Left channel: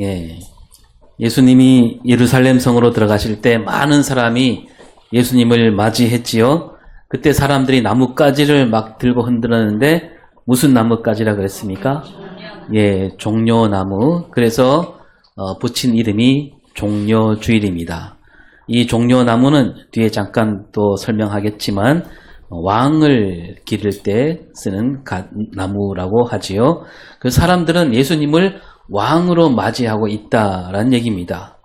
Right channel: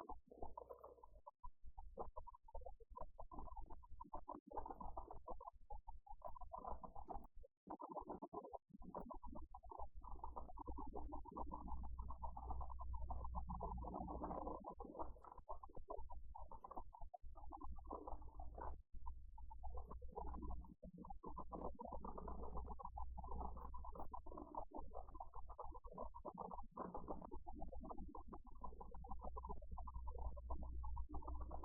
예. 예수님이 예루살렘 성으로 들어가실 때 많은 사람이 예수님을 맞이했지요. 그때 사람들이 나뭇가지를 막 들고 흔들었는데 무슨 나뭇가지라 그랬습니까? 예, 종려나무. 그래서 붙인 이름이 종려주일입니다. 이 종려나무는 뒤에 잠깐 또 설명하겠지만 왕을 기를 때 쓰는 나무라고 하지요. 그 사람들은 예수님을 왕으로 맞이하고 있다라는 얘기입니다.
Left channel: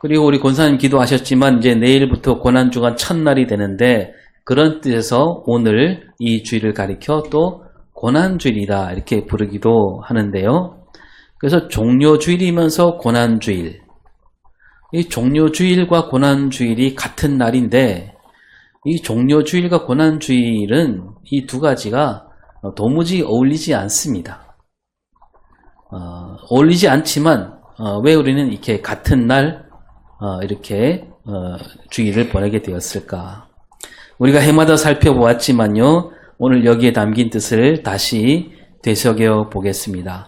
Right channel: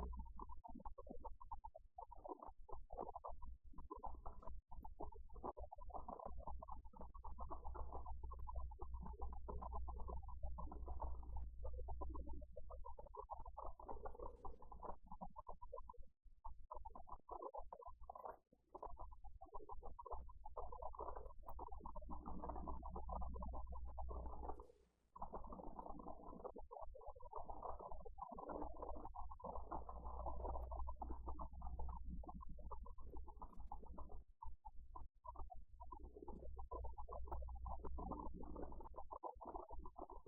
그리고 우리 권사님 기도하셨지만 이제 내일부터 고난주간 첫날이 되는데 그런 뜻에서 오늘 이 주일을 가리켜 또 고난주일이다 이렇게 부르기도 하는데요. 그래서 종려주일이면서 고난주일. 이 종려주일과 고난주일이 같은 날인데 이 종려주일과 고난주일은 이 두 가지가 도무지 어울리지 않습니다. 어울리지 않지만 왜 우리는 이렇게 같은 날 이렇게 주일을 보내게 되었을까? 우리가 해마다 살펴보았지만요. 오늘 여기에 담긴 뜻을 다시 되새겨 보겠습니다.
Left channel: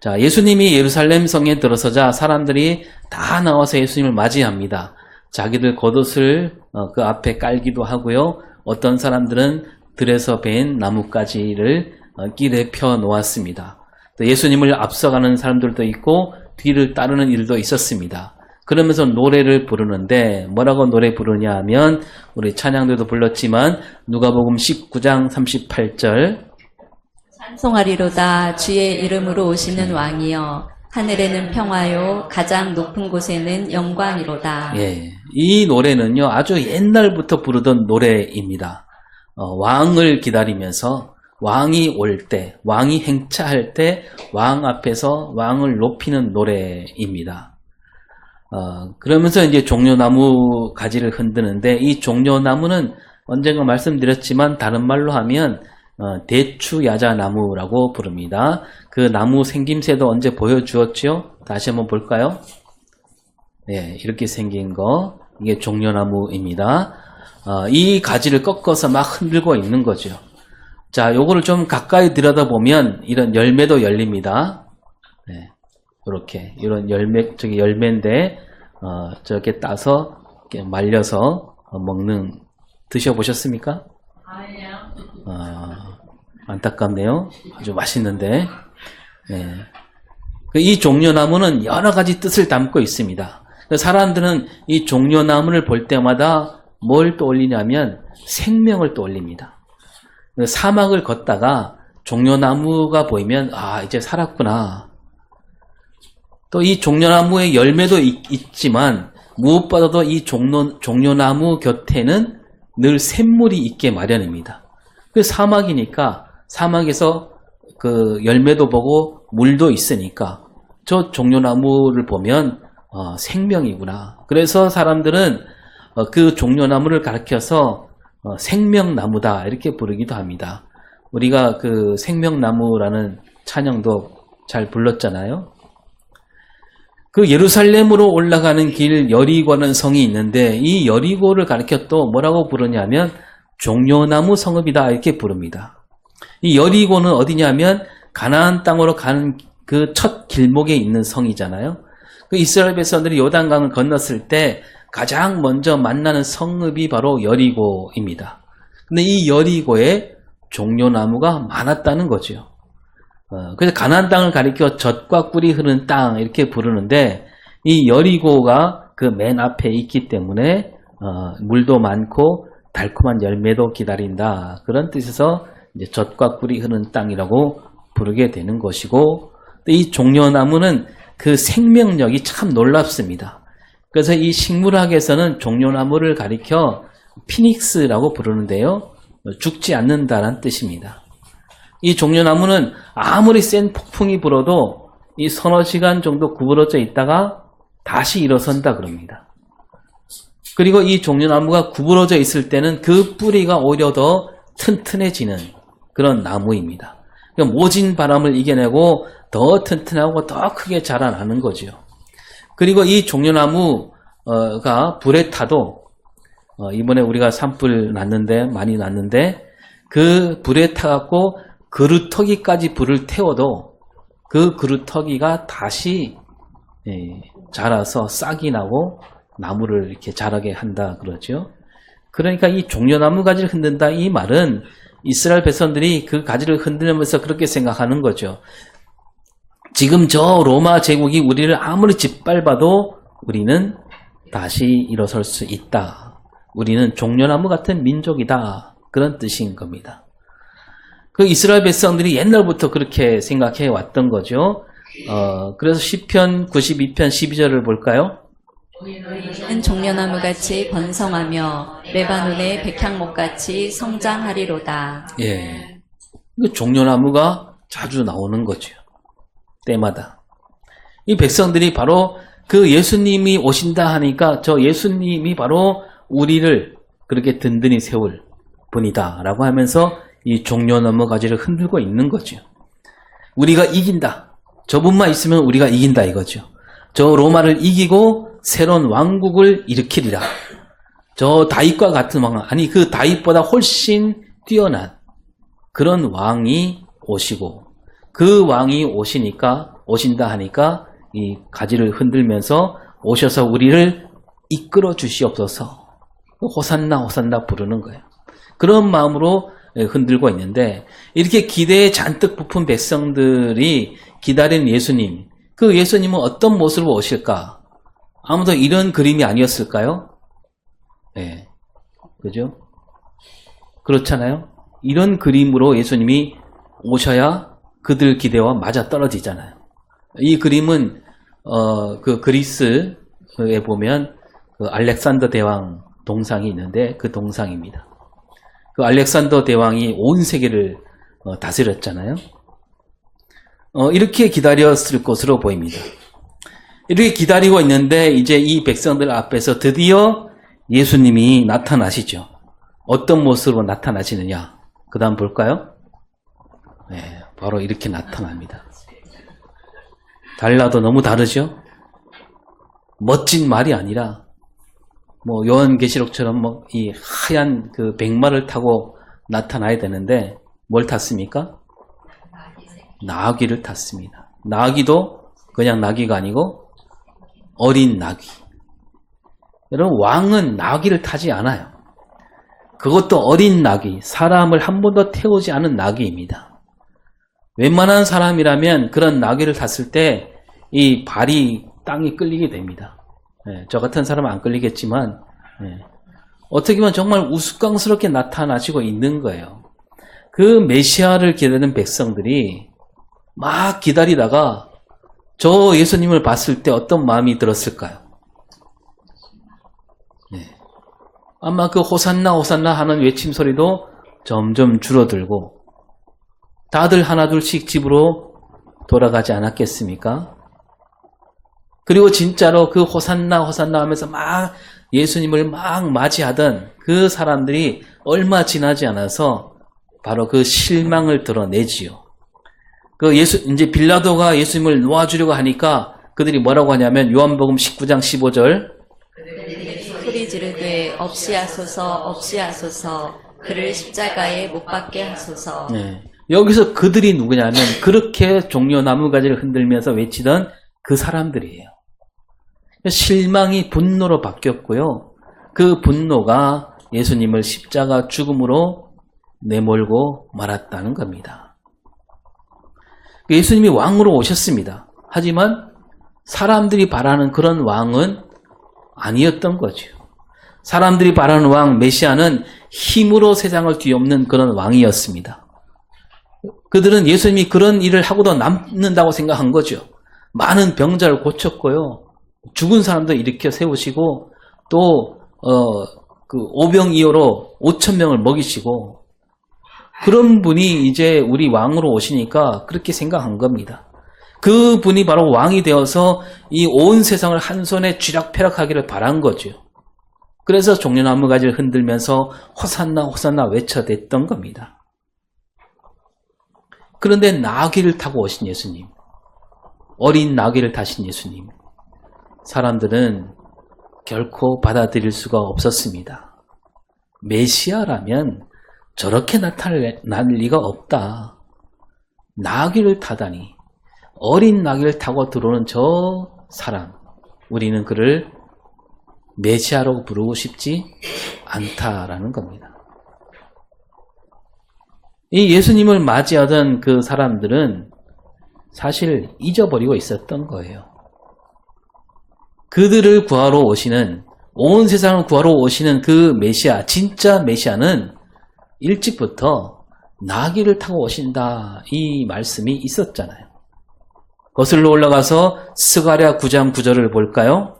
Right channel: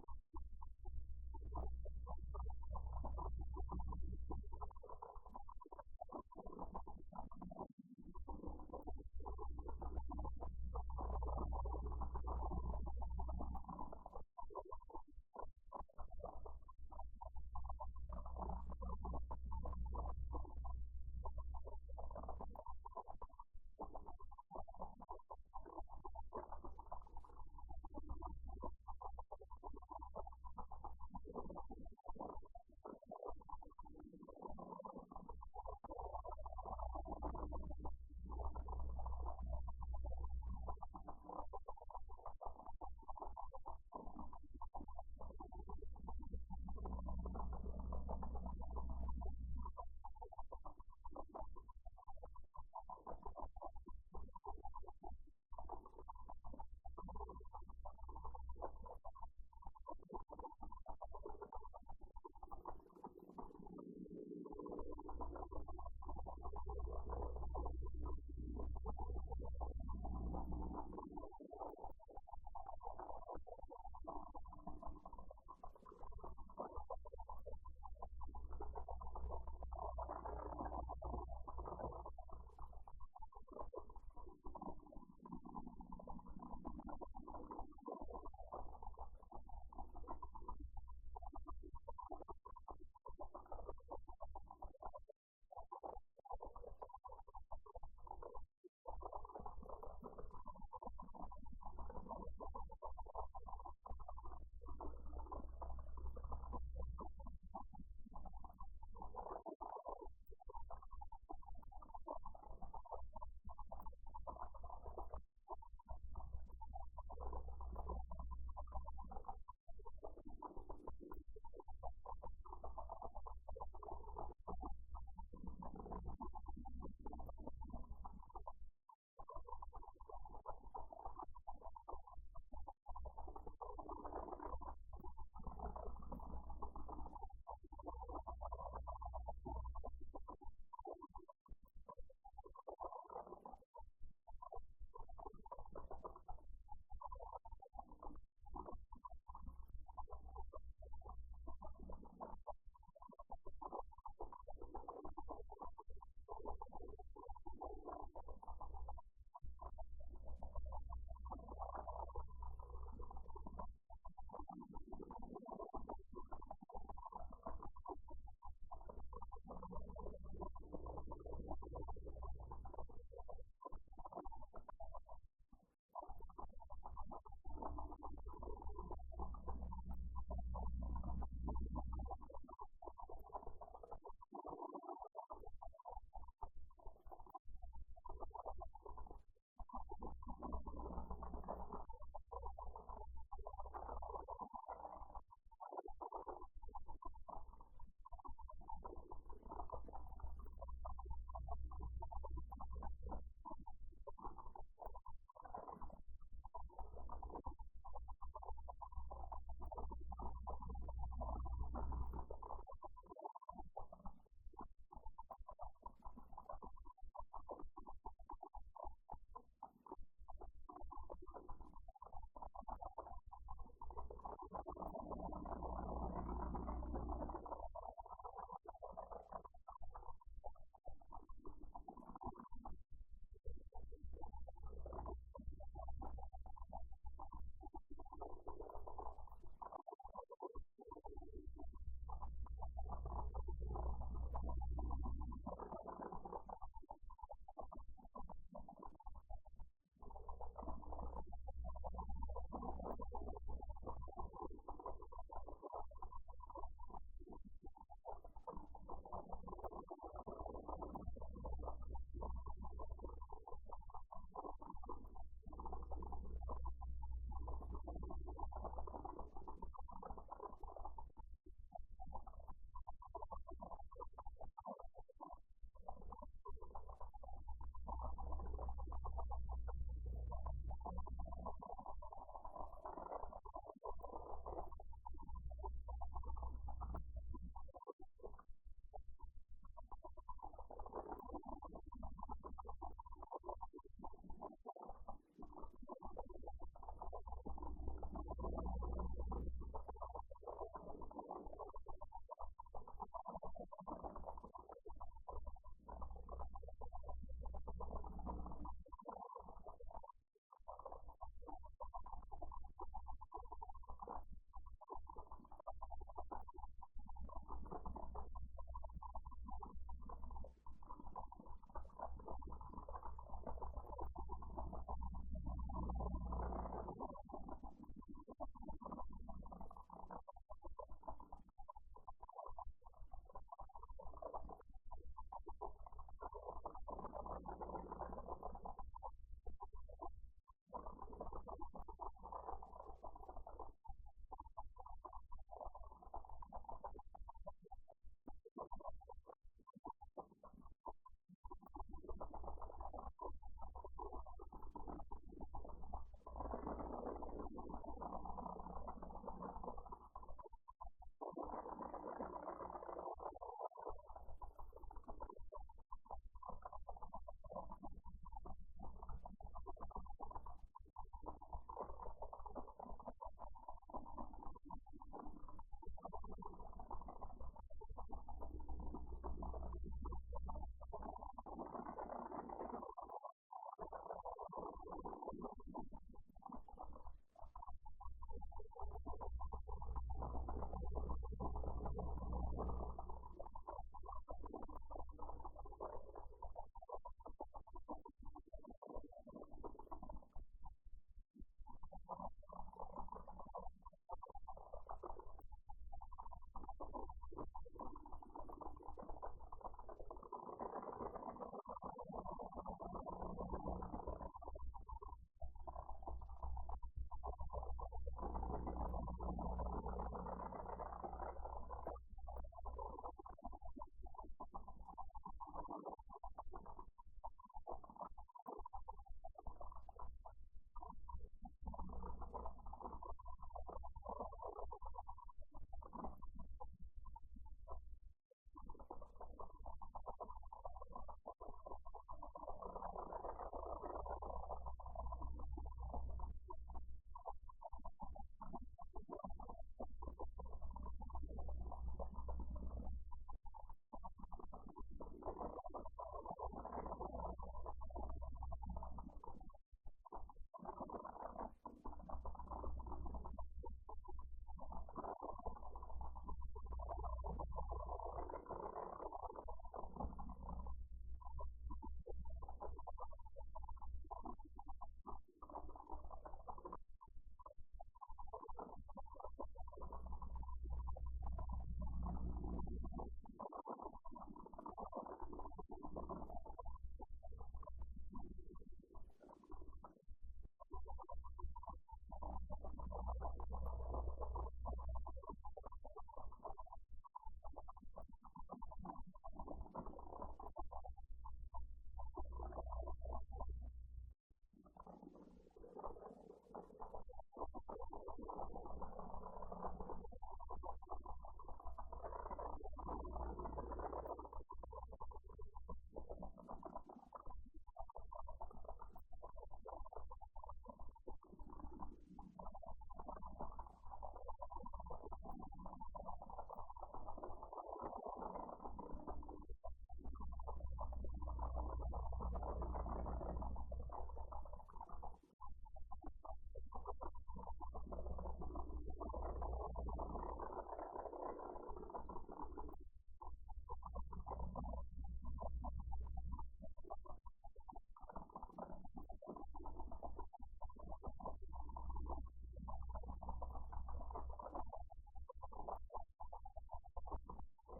자, 예수님이 예루살렘 성에 들어서자 사람들이 다 나와서 예수님을 맞이합니다. 자기들 겉옷을 그 앞에 깔기도 하고요. 어떤 사람들은 들에서 벤 나뭇가지를 길에 펴 놓았습니다. 또 예수님을 앞서가는 사람들도 있고 뒤를 따르는 일도 있었습니다. 그러면서 노래를 부르는데 뭐라고 노래 부르냐 하면 우리 찬양들도 불렀지만 누가복음 19장 38절 찬송하리로다 주의 이름으로 오시는 왕이여 하늘에는 평화요 가장 높은 곳에는 영광이로다. 예, 이 노래는요 아주 옛날부터 부르던 노래입니다. 왕을 기다리면서 왕이 올 때, 왕이 행차할 때 왕 앞에서 왕을 높이는 노래입니다. 그러면서 이제 종려나무 가지를 흔드는데 이 종려나무는 언젠가 말씀드렸지만 다른 말로 하면 대추야자나무라고 부릅니다. 그 나무 생김새도 언제 보여주었죠? 다시 한번 볼까요? 네, 이렇게 생긴 거 이게 종려나무입니다. 이 가지를 꺾어서 막 흔들고 있는 거죠. 자, 요거를 좀 가까이 들여다보면 이런 열매도 열립니다. 네, 이렇게 이런 열매, 저기 열매인데 저렇게 따서 이렇게 말려서 먹는 드셔보셨습니까? 아니요. 안타깝네요. 아주 맛있는데. 네. 이 종려나무는 여러 가지 뜻을 담고 있습니다. 사람들은 이 종려나무를 볼 때마다 뭘 떠올리냐면 생명을 떠올립니다. 사막을 걷다가 종려나무가 보이면 아 이제 살았구나. 또 이 종려나무의 열매도 있지만 무엇보다도 이 종려나무 곁에는 늘 샘물이 있게 마련입니다. 그 사막이니까 사막에서 그 열매도 보고 물도 있으니까 저 종려나무를 보면 생명이구나. 그래서 사람들은 그 종려나무를 가리켜서 생명나무다 이렇게 부르기도 합니다. 우리가 그 생명나무라는 찬양도 잘 불렀잖아요. 그 예루살렘으로 올라가는 길 여리고라는 성이 있는데 이 여리고를 가리켜 또 뭐라고 부르냐면 종려나무 성읍이다 이렇게 부릅니다. 이 여리고는 어디냐면 가나안 땅으로 가는 그 첫 길목에 있는 성이잖아요. 그 이스라엘 백성들이 요단강을 건넜을 때 가장 먼저 만나는 성읍이 바로 여리고입니다. 근데 이 여리고에 종려나무가 많았다는 거죠. 그래서 가나안 땅을 가리켜 젖과 꿀이 흐르는 땅 이렇게 부르는데 이 여리고가 그 맨 앞에 있기 때문에 물도 많고 달콤한 열매도 기다린다. 그런 뜻에서 이제 젖과 꿀이 흐르는 땅이라고 부르게 되는 것이고 이 종려나무는 그 생명력이 참 놀랍습니다. 그래서 이 식물학에서는 종려나무를 가리켜 피닉스라고 부르는데요. 죽지 않는다는 뜻입니다. 이 종려나무는 아무리 센 폭풍이 불어도 이 서너 시간 정도 구부러져 있다가 다시 일어선다 그럽니다. 그리고 이 종려나무가 구부러져 있을 때는 그 뿌리가 오히려 더 튼튼해지는 그런 나무입니다. 그러니까 모진 바람을 이겨내고 더 튼튼하고 더 크게 자라나는 거죠. 그리고 이 종려나무가 불에 타도 이번에 우리가 산불 났는데 많이 났는데 그 불에 타갖고 그루터기까지 불을 태워도 그 그루터기가 다시 자라서 싹이 나고 나무를 이렇게 자라게 한다 그러죠. 그러니까 이 종려나무 가지를 흔든다 이 말은 이스라엘 백성들이 그 가지를 흔들면서 그렇게 생각하는 거죠. 지금 저 로마 제국이 우리를 아무리 짓밟아도 우리는 다시 일어설 수 있다. 우리는 종려나무 같은 민족이다. 그런 뜻인 겁니다. 그 이스라엘 백성들이 옛날부터 그렇게 생각해 왔던 거죠. 그래서 시편 92편 12절을 볼까요? 우리는 종려나무같이 번성하며 레바논의 백향목같이 성장하리로다. 예. 종려나무가 자주 나오는 거죠. 때마다. 이 백성들이 바로 그 예수님이 오신다 하니까 저 예수님이 바로 우리를 그렇게 든든히 세울 분이다 라고 하면서 이 종려나무 가지를 흔들고 있는 거죠. 우리가 이긴다. 저분만 있으면 우리가 이긴다 이거죠. 저 로마를 이기고 새로운 왕국을 일으키리라. 저 다윗과 같은 왕, 아니 그 다윗보다 훨씬 뛰어난 그런 왕이 오시고 그 왕이 오신다 하니까 이 가지를 흔들면서 오셔서 우리를 이끌어 주시옵소서. 호산나 호산나 부르는 거예요. 그런 마음으로 흔들고 있는데 이렇게 기대에 잔뜩 부푼 백성들이 기다린 예수님, 그 예수님은 어떤 모습으로 오실까? 아무도 이런 그림이 아니었을까요? 네, 그죠? 그렇잖아요. 이런 그림으로 예수님이 오셔야 그들 기대와 맞아 떨어지잖아요. 이 그림은 그 그리스에 보면 그 알렉산더 대왕 동상이 있는데 그 동상입니다. 그 알렉산더 대왕이 온 세계를 다스렸잖아요. 이렇게 기다렸을 것으로 보입니다. 이렇게 기다리고 있는데 이제 이 백성들 앞에서 드디어 예수님이 나타나시죠. 어떤 모습으로 나타나시느냐? 그 다음 볼까요? 네, 바로 이렇게 나타납니다. 달라도 너무 다르죠? 멋진 말이 아니라 뭐 요한계시록처럼 뭐 이 하얀 그 백마를 타고 나타나야 되는데 뭘 탔습니까? 나귀를 탔습니다. 나귀도 그냥 나귀가 아니고 어린 나귀. 여러분 왕은 나귀를 타지 않아요. 그것도 어린 나귀, 사람을 한 번도 태우지 않은 나귀입니다. 웬만한 사람이라면 그런 나귀를 탔을 때 이 발이 땅에 끌리게 됩니다. 저 같은 사람은 안 끌리겠지만 어떻게 보면 정말 우스꽝스럽게 나타나시고 있는 거예요. 그 메시아를 기다리는 백성들이 막 기다리다가 저 예수님을 봤을 때 어떤 마음이 들었을까요? 아마 그 호산나 호산나 하는 외침 소리도 점점 줄어들고 다들 하나둘씩 집으로 돌아가지 않았겠습니까? 그리고 진짜로 그 호산나 호산나 하면서 막 예수님을 막 맞이하던 그 사람들이 얼마 지나지 않아서 바로 그 실망을 드러내지요. 이제 빌라도가 예수님을 놓아주려고 하니까 그들이 뭐라고 하냐면 요한복음 19장 15절 소리 지르되 없이하소서 없이하소서 그를 십자가에 못 박게 하소서. 네. 여기서 그들이 누구냐면 그렇게 종려나무 가지를 흔들면서 외치던 그 사람들이에요. 실망이 분노로 바뀌었고요. 그 분노가 예수님을 십자가 죽음으로 내몰고 말았다는 겁니다. 예수님이 왕으로 오셨습니다. 하지만 사람들이 바라는 그런 왕은 아니었던 거죠. 사람들이 바라는 왕 메시아는 힘으로 세상을 뒤엎는 그런 왕이었습니다. 그들은 예수님이 그런 일을 하고도 남는다고 생각한 거죠. 많은 병자를 고쳤고요. 죽은 사람도 일으켜 세우시고 또 그 오병이어로 5,000명을 먹이시고 그런 분이 이제 우리 왕으로 오시니까 그렇게 생각한 겁니다. 그 분이 바로 왕이 되어서 이 온 세상을 한 손에 쥐락펴락하기를 바란 거죠. 그래서 종려나무 가지를 흔들면서 호산나 호산나 외쳐댔던 겁니다. 그런데 나귀를 타고 오신 예수님, 어린 나귀를 타신 예수님, 사람들은 결코 받아들일 수가 없었습니다. 메시아라면 저렇게 나타날 리가 없다. 나귀를 타다니. 어린 나귀를 타고 들어오는 저 사람, 우리는 그를 메시아로 부르고 싶지 않다라는 겁니다. 이 예수님을 맞이하던 그 사람들은 사실 잊어버리고 있었던 거예요. 그들을 구하러 오시는, 온 세상을 구하러 오시는 그 메시아, 진짜 메시아는 일찍부터 나귀를 타고 오신다, 이 말씀이 있었잖아요. 거슬러 올라가서 스가랴 9장 9절을 볼까요?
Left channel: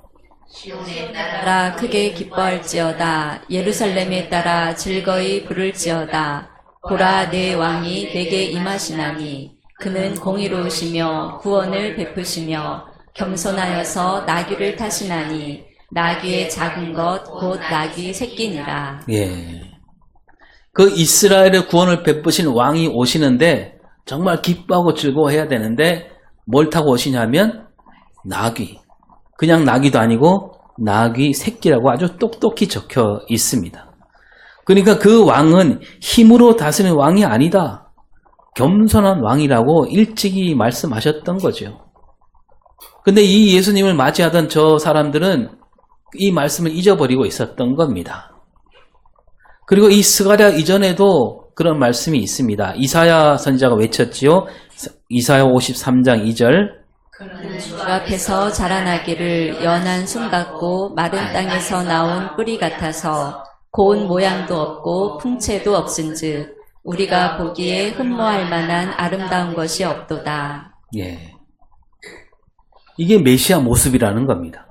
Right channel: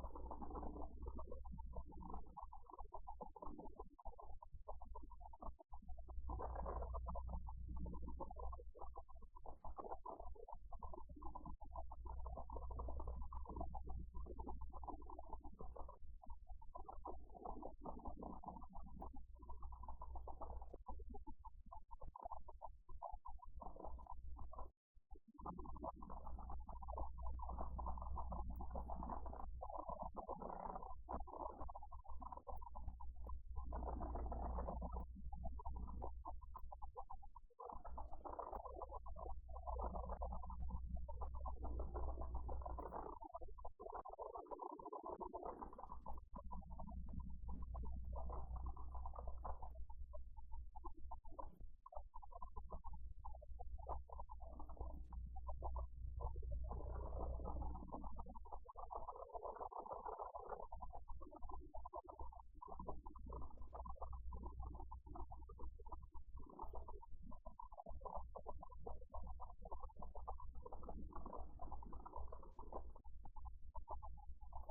시온에 따라 크게 기뻐할지어다. 예루살렘에 따라 즐거이 부를지어다. 보라, 내 왕이 내게 임하시나니 그는 공의로우시며 구원을 베푸시며 겸손하여서 나귀를 타시나니 나귀의 작은 것 곧 나귀 새끼니라. 예. 그 이스라엘의 구원을 베푸신 왕이 오시는데 정말 기뻐하고 즐거워해야 되는데 뭘 타고 오시냐면 나귀. 그냥 나귀도 아니고 나귀 새끼라고 아주 똑똑히 적혀 있습니다. 그러니까 그 왕은 힘으로 다스리는 왕이 아니다. 겸손한 왕이라고 일찍이 말씀하셨던 거죠. 근데 이 예수님을 맞이하던 저 사람들은 이 말씀을 잊어버리고 있었던 겁니다. 그리고 이 스가랴 이전에도 그런 말씀이 있습니다. 이사야 선지자가 외쳤지요. 이사야 53장 2절. 주 앞에서 자라나기를 연한 순 같고 마른 땅에서 나온 뿌리 같아서 고운 모양도 없고 풍채도 없은즉 우리가 보기에 흠모할 만한 아름다운 것이 없도다. 예. 이게 메시아 모습이라는 겁니다.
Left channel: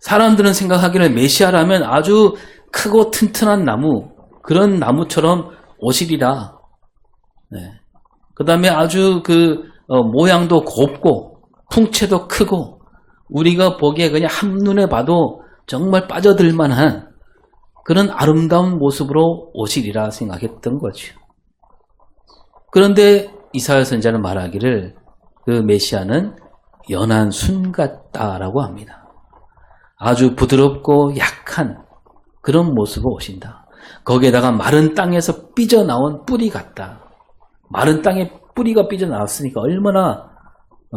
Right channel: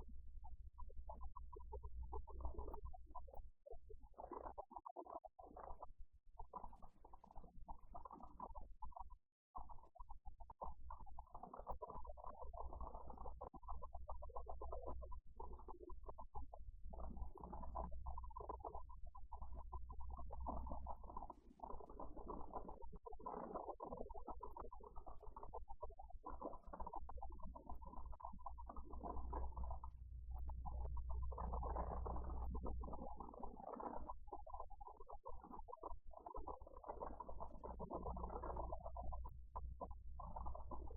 사람들은 생각하기를 메시아라면 아주 크고 튼튼한 나무, 그런 나무처럼 오시리라. 네. 그 다음에 아주 모양도 곱고, 풍채도 크고, 우리가 보기에 그냥 한눈에 봐도 정말 빠져들 만한 그런 아름다운 모습으로 오시리라 생각했던 거죠. 그런데 이사야 선지자는 말하기를 그 메시아는 연한 순 같다라고 합니다. 아주 부드럽고 약한 그런 모습으로 오신다. 거기에다가 마른 땅에서 삐져나온 뿌리 같다. 마른 땅에 뿌리가 삐져나왔으니까 얼마나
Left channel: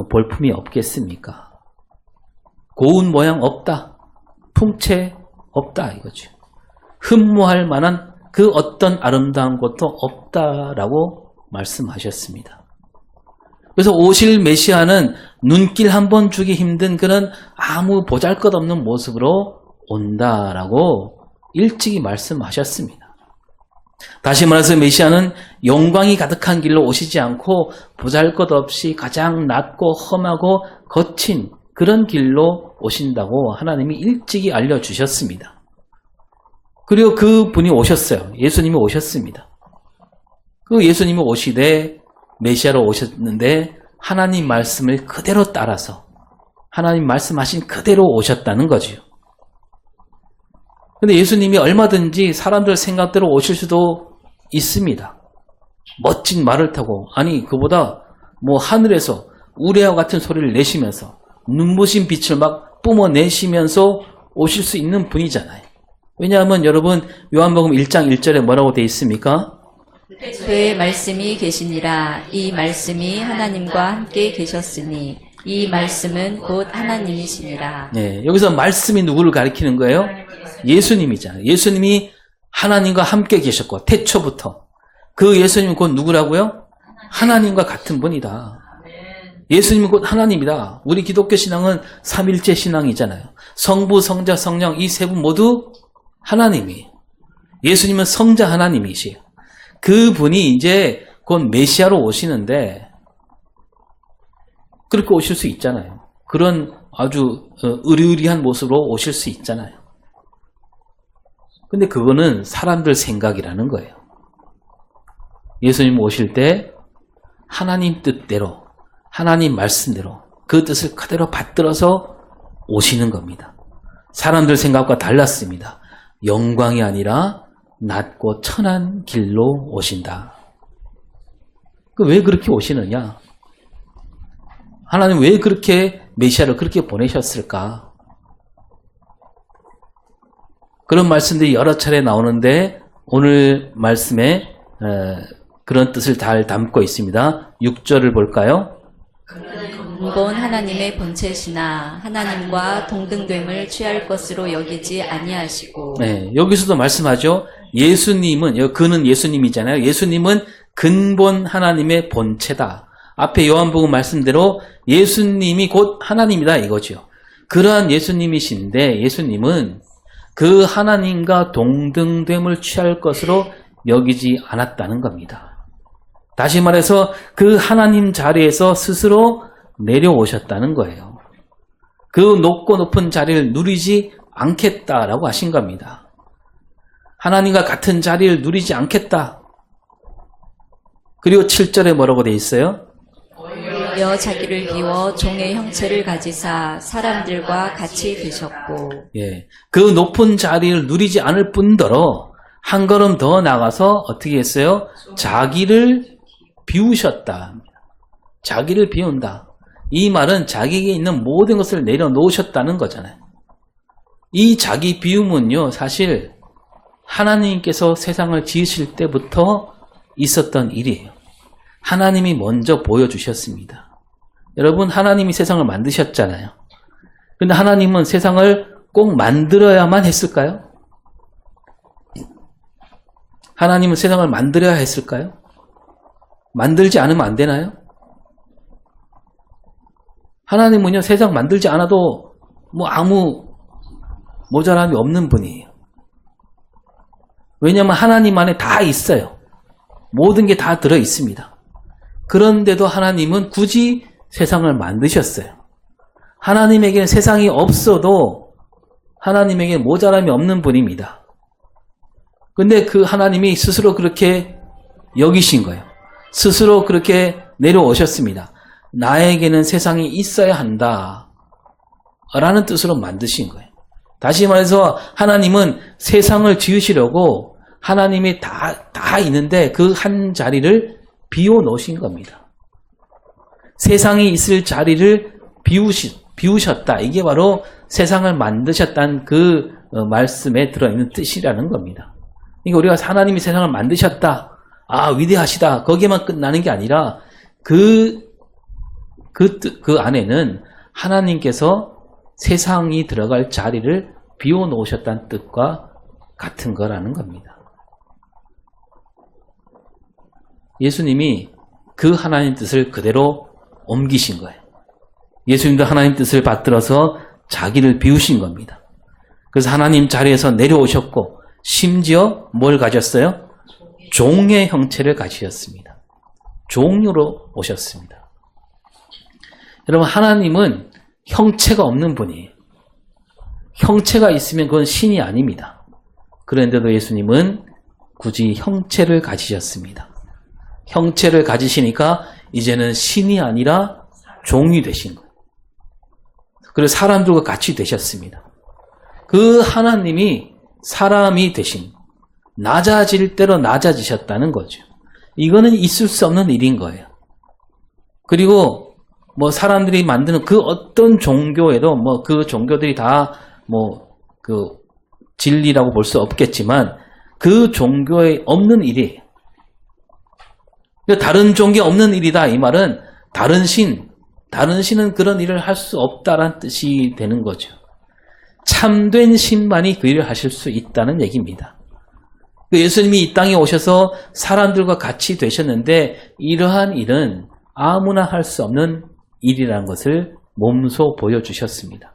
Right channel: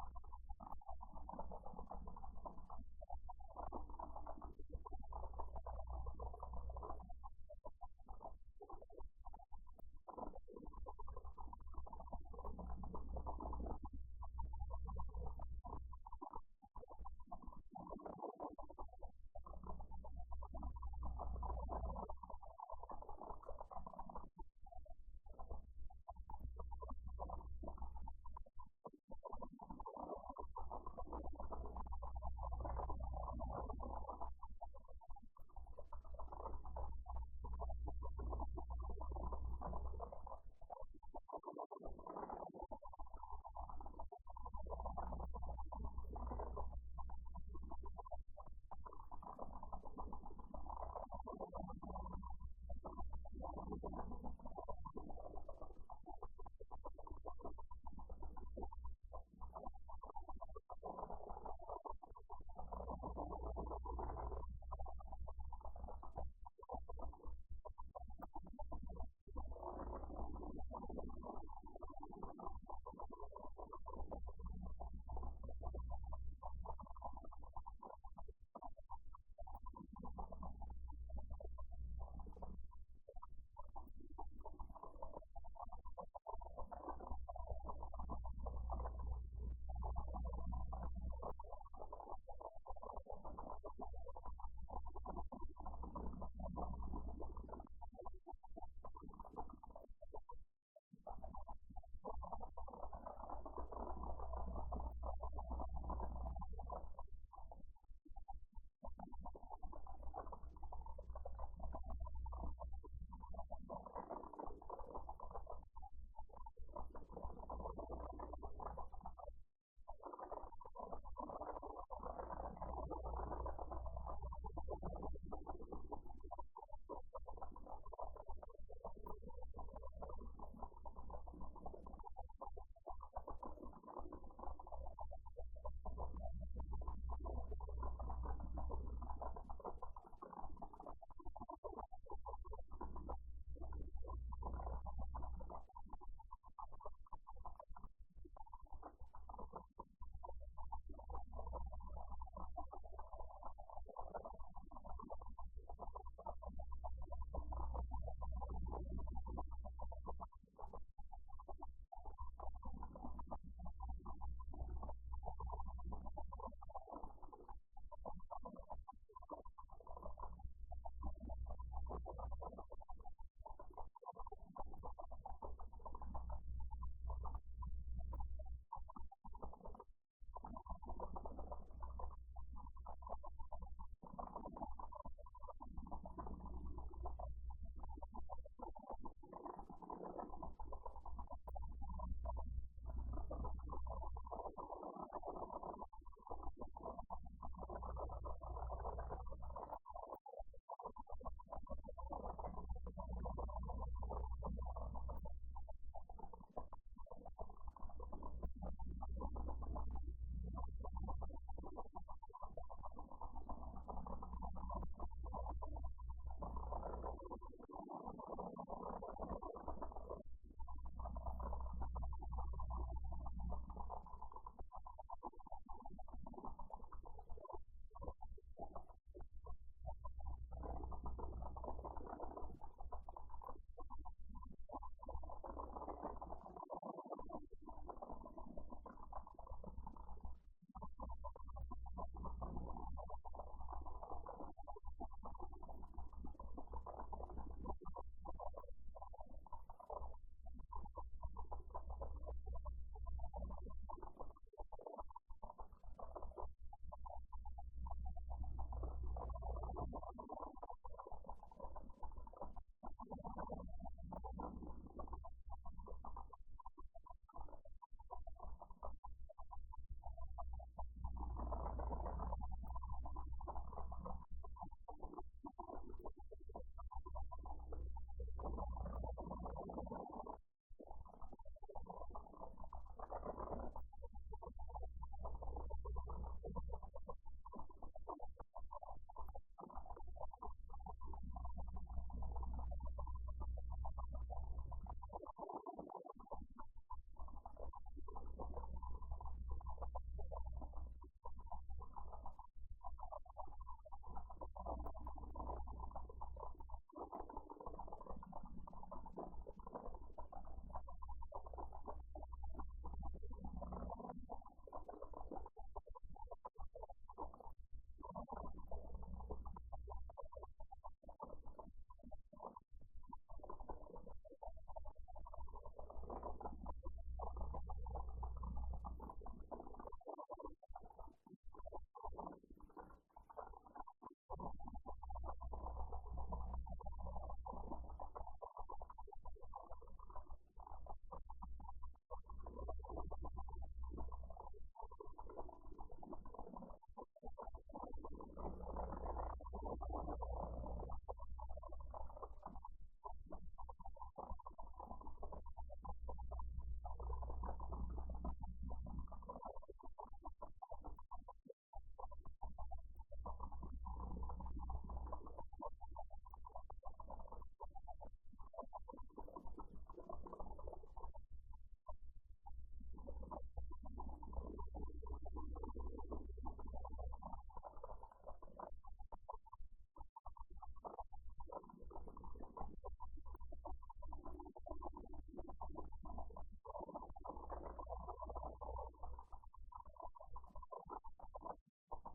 볼품이 없겠습니까? 고운 모양 없다. 풍채 없다 이거죠. 흠모할 만한 그 어떤 아름다운 것도 없다라고 말씀하셨습니다. 그래서 오실 메시아는 눈길 한번 주기 힘든 그런 아무 보잘것없는 모습으로 온다라고 일찍이 말씀하셨습니다. 다시 말해서 메시아는 영광이 가득한 길로 오시지 않고 보잘것없이 가장 낮고 험하고 거친 그런 길로 오신다고 하나님이 일찍이 알려주셨습니다. 그리고 그 분이 오셨어요. 예수님이 오셨습니다. 그 예수님이 오시되 메시아로 오셨는데 하나님 말씀을 그대로 따라서 하나님 말씀하신 그대로 오셨다는 거죠. 근데 예수님이 얼마든지 사람들 생각대로 오실 수도 있습니다. 멋진 말을 타고, 아니 그보다 하늘에서 우레와 같은 소리를 내시면서 눈부신 빛을 막 뿜어내시면서 오실 수 있는 분이잖아요. 왜냐하면 여러분 요한복음 1장 1절에 뭐라고 되어 있습니까? 그의 말씀이 계시니라. 이 말씀이 하나님과 함께 계셨으니 이 말씀은 곧 하나님이시니라. 네, 여기서 말씀이 누구를 가리키는 거예요? 예수님이잖아요. 예수님이 하나님과 함께 계셨고 태초부터 그 예수님은 곧 누구라고요? 하나님과 같은 분이다. 예수님은 곧 하나님이다. 우리 기독교 신앙은 삼일체 신앙이잖아요. 성부, 성자, 성령 이 세 분 모두 하나님이에요. 예수님은 성자 하나님이시에요. 그분이 이제 곧 메시아로 오시는데 그렇게 오실 수 있잖아요. 그런 아주 의리의리한 모습으로 오실 수 있잖아요. 근데 그거는 사람들 생각이라는 거예요. 예수님 오실 때 하나님 뜻대로 하나님 말씀대로 그 뜻을 그대로 받들어서 오시는 겁니다. 사람들 생각과 달랐습니다. 영광이 아니라 낮고 천한 길로 오신다. 왜 그렇게 오시느냐? 하나님 왜 그렇게 메시아를 그렇게 보내셨을까? 그런 말씀들이 여러 차례 나오는데 오늘 말씀에 그런 뜻을 잘 담고 있습니다. 6절을 볼까요? 근본 하나님의 본체시나 하나님과 동등됨을 취할 것으로 여기지 아니하시고. 네, 여기서도 말씀하죠. 예수님은, 그는 예수님이잖아요. 예수님은 근본 하나님의 본체다. 앞에 요한복음 말씀대로 예수님이 곧 하나님이다 이거죠. 그러한 예수님이신데 예수님은 그 하나님과 동등됨을 취할 것으로 여기지 않았다는 겁니다. 다시 말해서 그 하나님 자리에서 스스로 내려오셨다는 거예요. 그 높고 높은 자리를 누리지 않겠다라고 하신 겁니다. 하나님과 같은 자리를 누리지 않겠다. 그리고 7절에 뭐라고 돼 있어요? 오히려 자기를 비워 종의 형체를 가지사 사람들과 같이 되셨고. 예, 그 높은 자리를 누리지 않을 뿐더러 한 걸음 더 나가서 어떻게 했어요? 자기를 비우셨다. 자기를 비운다. 이 말은 자기에게 있는 모든 것을 내려놓으셨다는 거잖아요. 이 자기 비움은요, 사실 하나님께서 세상을 지으실 때부터 있었던 일이에요. 하나님이 먼저 보여주셨습니다. 여러분, 하나님이 세상을 만드셨잖아요. 근데 하나님은 세상을 꼭 만들어야만 했을까요? 하나님은 세상을 만들어야 했을까요? 만들지 않으면 안 되나요? 하나님은요, 세상 만들지 않아도 뭐 아무 모자람이 없는 분이에요. 왜냐하면 하나님 안에 다 있어요. 모든 게 다 들어 있습니다. 그런데도 하나님은 굳이 세상을 만드셨어요. 하나님에게는 세상이 없어도 하나님에게는 모자람이 없는 분입니다. 근데 그 하나님이 스스로 그렇게 여기신 거예요. 스스로 그렇게 내려오셨습니다. 나에게는 세상이 있어야 한다 라는 뜻으로 만드신 거예요. 다시 말해서 하나님은 세상을 지으시려고 하나님이 다 있는데 그 한 자리를 비워놓으신 겁니다. 세상이 있을 자리를 비우셨다. 이게 바로 세상을 만드셨다는 그 말씀에 들어있는 뜻이라는 겁니다. 그러니까 우리가 하나님이 세상을 만드셨다. 아, 위대하시다. 거기에만 끝나는 게 아니라 그 안에는 하나님께서 세상이 들어갈 자리를 비워놓으셨다는 뜻과 같은 거라는 겁니다. 예수님이 그 하나님 뜻을 그대로 옮기신 거예요. 예수님도 하나님 뜻을 받들어서 자기를 비우신 겁니다. 그래서 하나님 자리에서 내려오셨고 심지어 뭘 가졌어요? 종의 형체를 가지셨습니다. 종으로 오셨습니다. 여러분, 하나님은 형체가 없는 분이에요. 형체가 있으면 그건 신이 아닙니다. 그런데도 예수님은 굳이 형체를 가지셨습니다. 형체를 가지시니까 이제는 신이 아니라 종이 되신 거예요. 그래서 사람들과 같이 되셨습니다. 그 하나님이 사람이 되신, 낮아질 대로 낮아지셨다는 거죠. 이거는 있을 수 없는 일인 거예요. 그리고 뭐 사람들이 만드는 그 어떤 종교에도 뭐 그 종교들이 다 뭐 그 진리라고 볼 수 없겠지만 그 종교에 없는 일이에요. 다른 종교에 없는 일이다. 이 말은 다른 신은 그런 일을 할 수 없다라는 뜻이 되는 거죠. 참된 신만이 그 일을 하실 수 있다는 얘기입니다. 예수님이 이 땅에 오셔서 사람들과 같이 되셨는데 이러한 일은 아무나 할 수 없는 일이라는 것을 몸소 보여주셨습니다.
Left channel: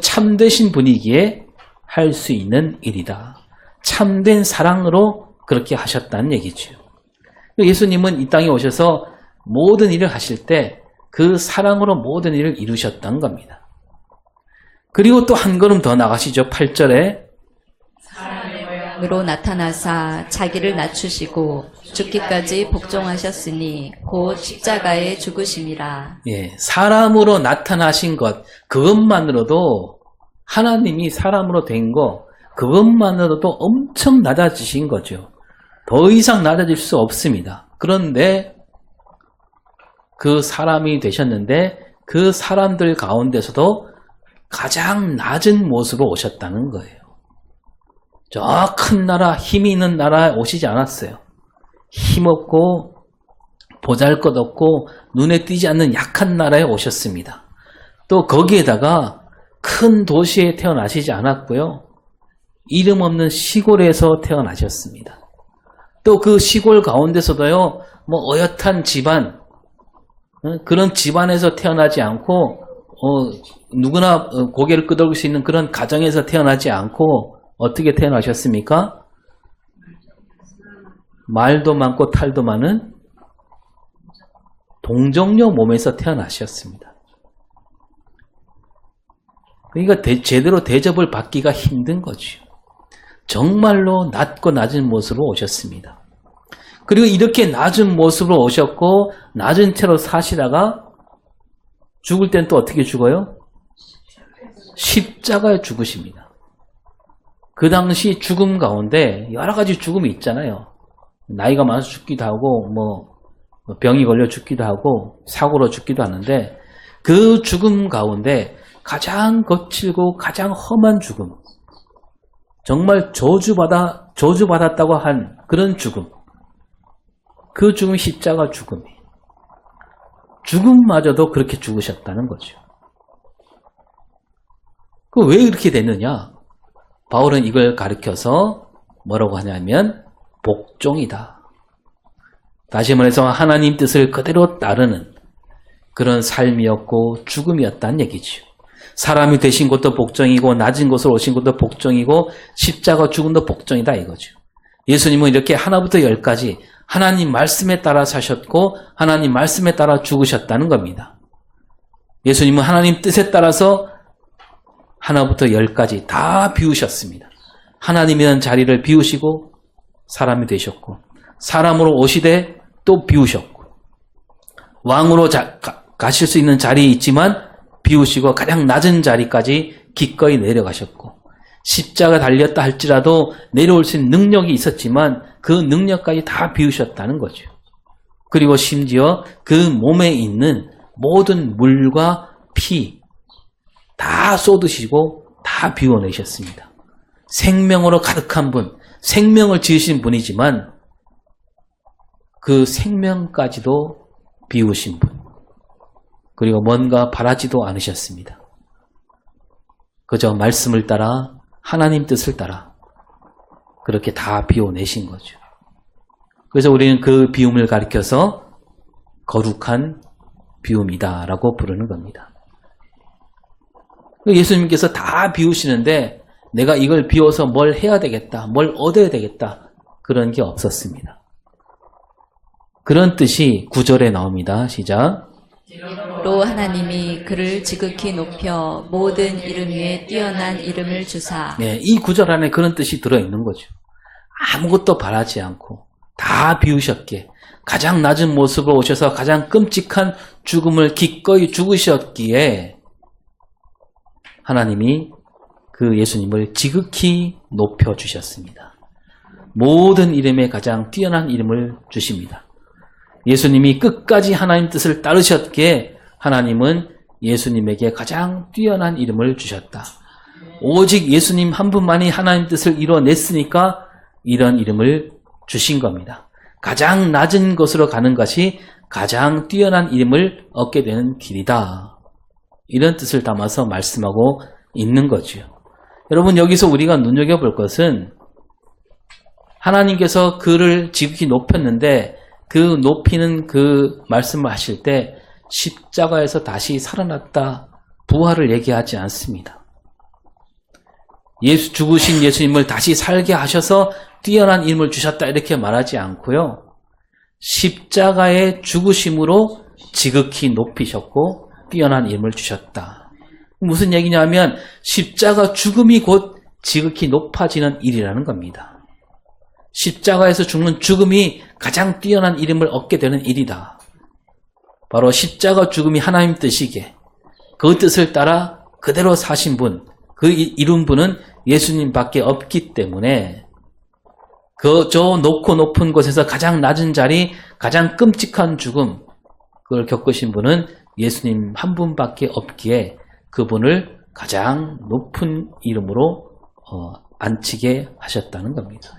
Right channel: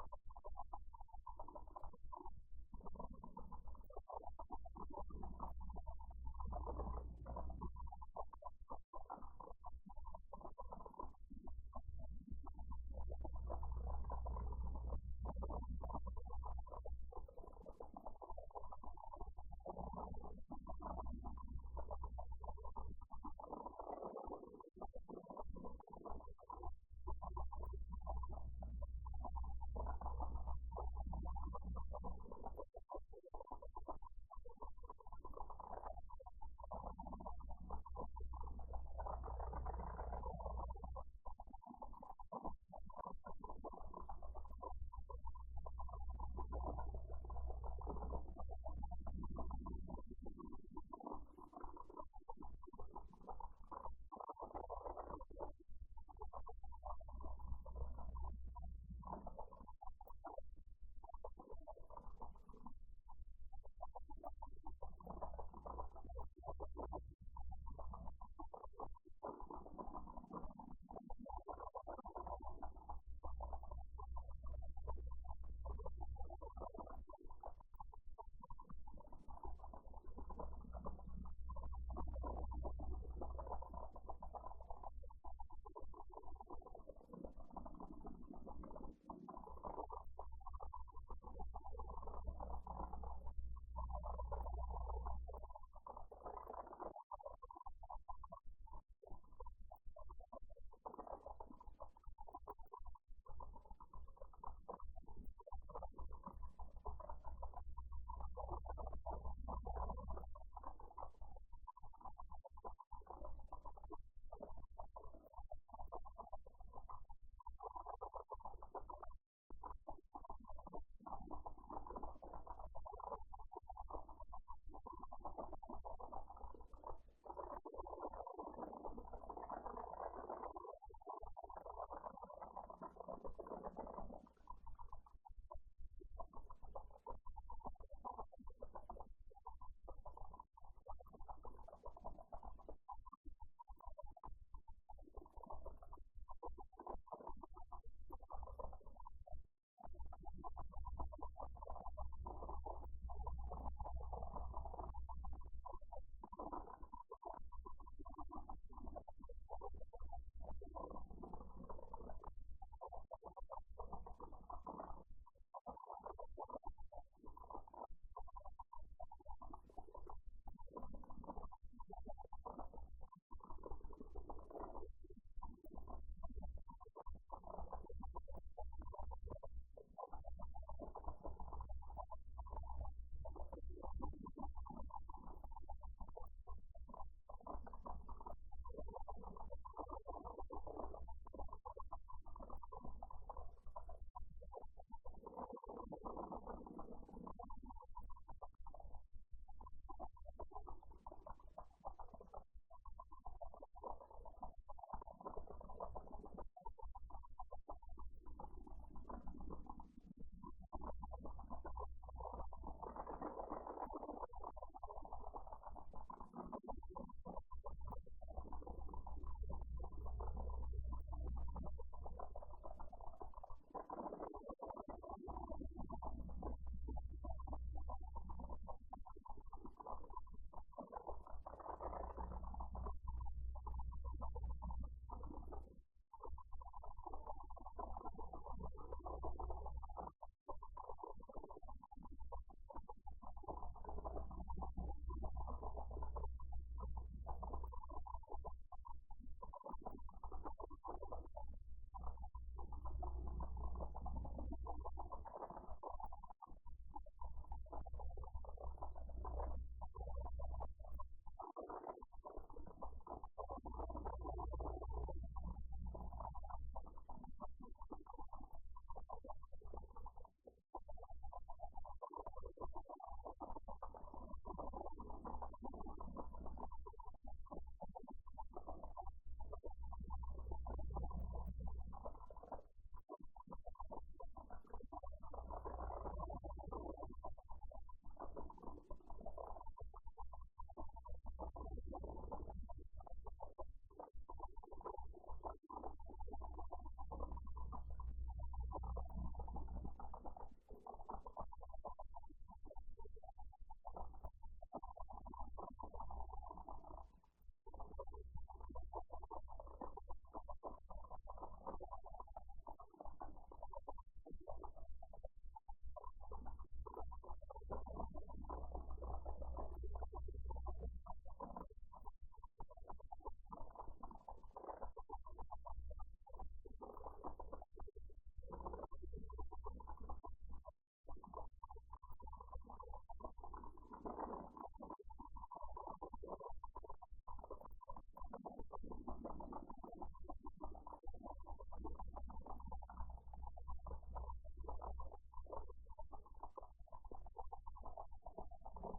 참되신 분이기에 할 수 있는 일이다. 참된 사랑으로 그렇게 하셨다는 얘기죠. 예수님은 이 땅에 오셔서 모든 일을 하실 때 그 사랑으로 모든 일을 이루셨다는 겁니다. 그리고 또 한 걸음 더 나가시죠. 8절에 사람의 모양으로 나타나사 자기를 낮추시고 죽기까지 복종하셨으니 곧 십자가에 죽으심이라. 예, 사람으로 나타나신 것 그것만으로도 하나님이 사람으로 된 거 그것만으로도 엄청 낮아지신 거죠. 더 이상 낮아질 수 없습니다. 그런데 그 사람이 되셨는데 그 사람들 가운데서도 가장 낮은 모습으로 오셨다는 거예요. 저 큰 나라, 힘이 있는 나라에 오시지 않았어요. 힘없고 보잘것없고 눈에 띄지 않는 약한 나라에 오셨습니다. 또 거기에다가 큰 도시에 태어나시지 않았고요. 이름 없는 시골에서 태어나셨습니다. 또 그 시골 가운데서도요, 어엿한 집안, 그런 집안에서 태어나지 않고, 누구나 고개를 끄덕일 수 있는 그런 가정에서 태어나지 않고, 어떻게 태어나셨습니까? 말도 많고 탈도 많은 동정녀 몸에서 태어나셨습니다. 그러니까 제대로 대접을 받기가 힘든 거죠. 정말로 낮고 낮은 모습으로 오셨습니다. 그리고 이렇게 낮은 모습으로 오셨고 낮은 채로 사시다가 죽을 땐 또 어떻게 죽어요? 십자가에 죽으십니다. 그 당시 죽음 가운데 여러 가지 죽음이 있잖아요. 나이가 많아서 죽기도 하고 병이 걸려 죽기도 하고 사고로 죽기도 하는데 그 죽음 가운데 가장 거칠고 가장 험한 죽음, 정말 저주받았다고 한 그런 죽음, 그 죽음이 십자가 죽음이에요. 죽음마저도 그렇게 죽으셨다는 거죠. 왜 이렇게 됐느냐? 바울은 이걸 가리켜서 뭐라고 하냐면 복종이다. 다시 말해서 하나님 뜻을 그대로 따르는 그런 삶이었고 죽음이었다는 얘기죠. 사람이 되신 것도 복종이고 낮은 곳으로 오신 것도 복종이고 십자가 죽음도 복종이다 이거죠. 예수님은 이렇게 하나부터 열까지 하나님 말씀에 따라 사셨고 하나님 말씀에 따라 죽으셨다는 겁니다. 예수님은 하나님 뜻에 따라서 하나부터 열까지 다 비우셨습니다. 하나님이라는 자리를 비우시고 사람이 되셨고 사람으로 오시되 또 비우셨고 왕으로 가실 수 있는 자리에 있지만 비우시고 가장 낮은 자리까지 기꺼이 내려가셨고 십자가 달렸다 할지라도 내려올 수 있는 능력이 있었지만 그 능력까지 다 비우셨다는 거죠. 그리고 심지어 그 몸에 있는 모든 물과 피 다 쏟으시고 다 비워내셨습니다. 생명으로 가득한 분, 생명을 지으신 분이지만 그 생명까지도 비우신 분, 그리고 뭔가 바라지도 않으셨습니다. 그저 말씀을 따라 하나님 뜻을 따라 그렇게 다 비워내신 거죠. 그래서 우리는 그 비움을 가리켜서 거룩한 비움이다 라고 부르는 겁니다. 예수님께서 다 비우시는데 내가 이걸 비워서 뭘 해야 되겠다, 뭘 얻어야 되겠다 그런 게 없었습니다. 그런 뜻이 9절에 나옵니다. 시작. 또 하나님이 그를 지극히 높여 모든 이름 위에 뛰어난 이름을 주사. 네, 이 9절 안에 그런 뜻이 들어있는 거죠. 아무것도 바라지 않고 다 비우셨기에 가장 낮은 모습으로 오셔서 가장 끔찍한 죽음을 기꺼이 죽으셨기에 하나님이 그 예수님을 지극히 높여주셨습니다. 모든 이름에 가장 뛰어난 이름을 주십니다. 예수님이 끝까지 하나님 뜻을 따르셨기에 하나님은 예수님에게 가장 뛰어난 이름을 주셨다. 오직 예수님 한 분만이 하나님 뜻을 이뤄냈으니까 이런 이름을 주신 겁니다. 가장 낮은 곳으로 가는 것이 가장 뛰어난 이름을 얻게 되는 길이다. 이런 뜻을 담아서 말씀하고 있는 거죠. 여러분, 여기서 우리가 눈여겨볼 것은 하나님께서 그를 지극히 높였는데 그 높이는 그 말씀을 하실 때 십자가에서 다시 살아났다, 부활을 얘기하지 않습니다. 죽으신 예수님을 다시 살게 하셔서 뛰어난 이름을 주셨다 이렇게 말하지 않고요. 십자가의 죽으심으로 지극히 높이셨고 뛰어난 이름을 주셨다. 무슨 얘기냐면 십자가 죽음이 곧 지극히 높아지는 일이라는 겁니다. 십자가에서 죽는 죽음이 가장 뛰어난 이름을 얻게 되는 일이다. 바로 십자가 죽음이 하나님 뜻이기에 그 뜻을 따라 그대로 사신 분, 그 이룬 분은 예수님밖에 없기 때문에 저 높고 높은 곳에서 가장 낮은 자리, 가장 끔찍한 죽음, 그걸 겪으신 분은 예수님 한 분밖에 없기에 그분을 가장 높은 이름으로 앉히게 하셨다는 겁니다.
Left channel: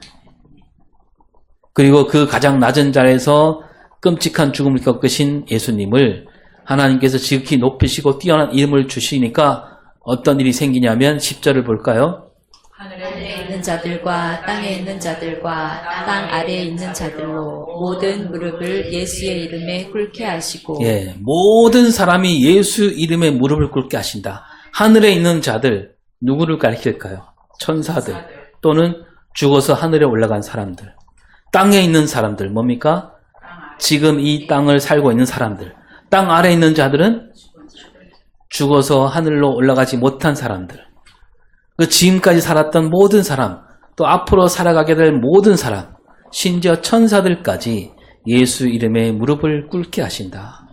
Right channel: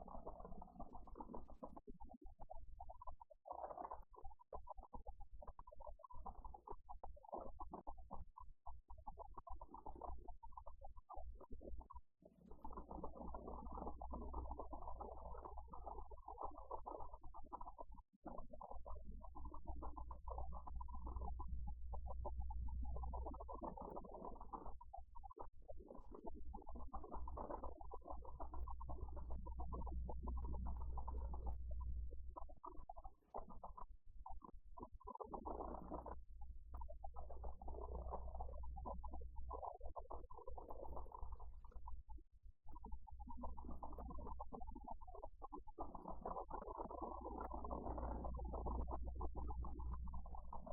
그리고 그 가장 낮은 자리에서 끔찍한 죽음을 겪으신 예수님을 하나님께서 지극히 높이시고 뛰어난 이름을 주시니까 어떤 일이 생기냐면 10절을 볼까요? 하늘에 있는 자들과 땅에 있는 자들과 땅 아래에 있는 자들로 모든 무릎을 예수의 이름에 꿇게 하시고 예, 모든 사람이 예수 이름에 무릎을 꿇게 하신다. 하늘에 있는 자들, 누구를 가리킬까요? 천사들 또는 죽어서 하늘에 올라간 사람들. 땅에 있는 사람들 뭡니까? 지금 이 땅을 살고 있는 사람들. 땅 아래에 있는 자들은 죽어서 하늘로 올라가지 못한 사람들. 그 지금까지 살았던 모든 사람, 또 앞으로 살아가게 될 모든 사람, 심지어 천사들까지 예수 이름에 무릎을 꿇게 하신다.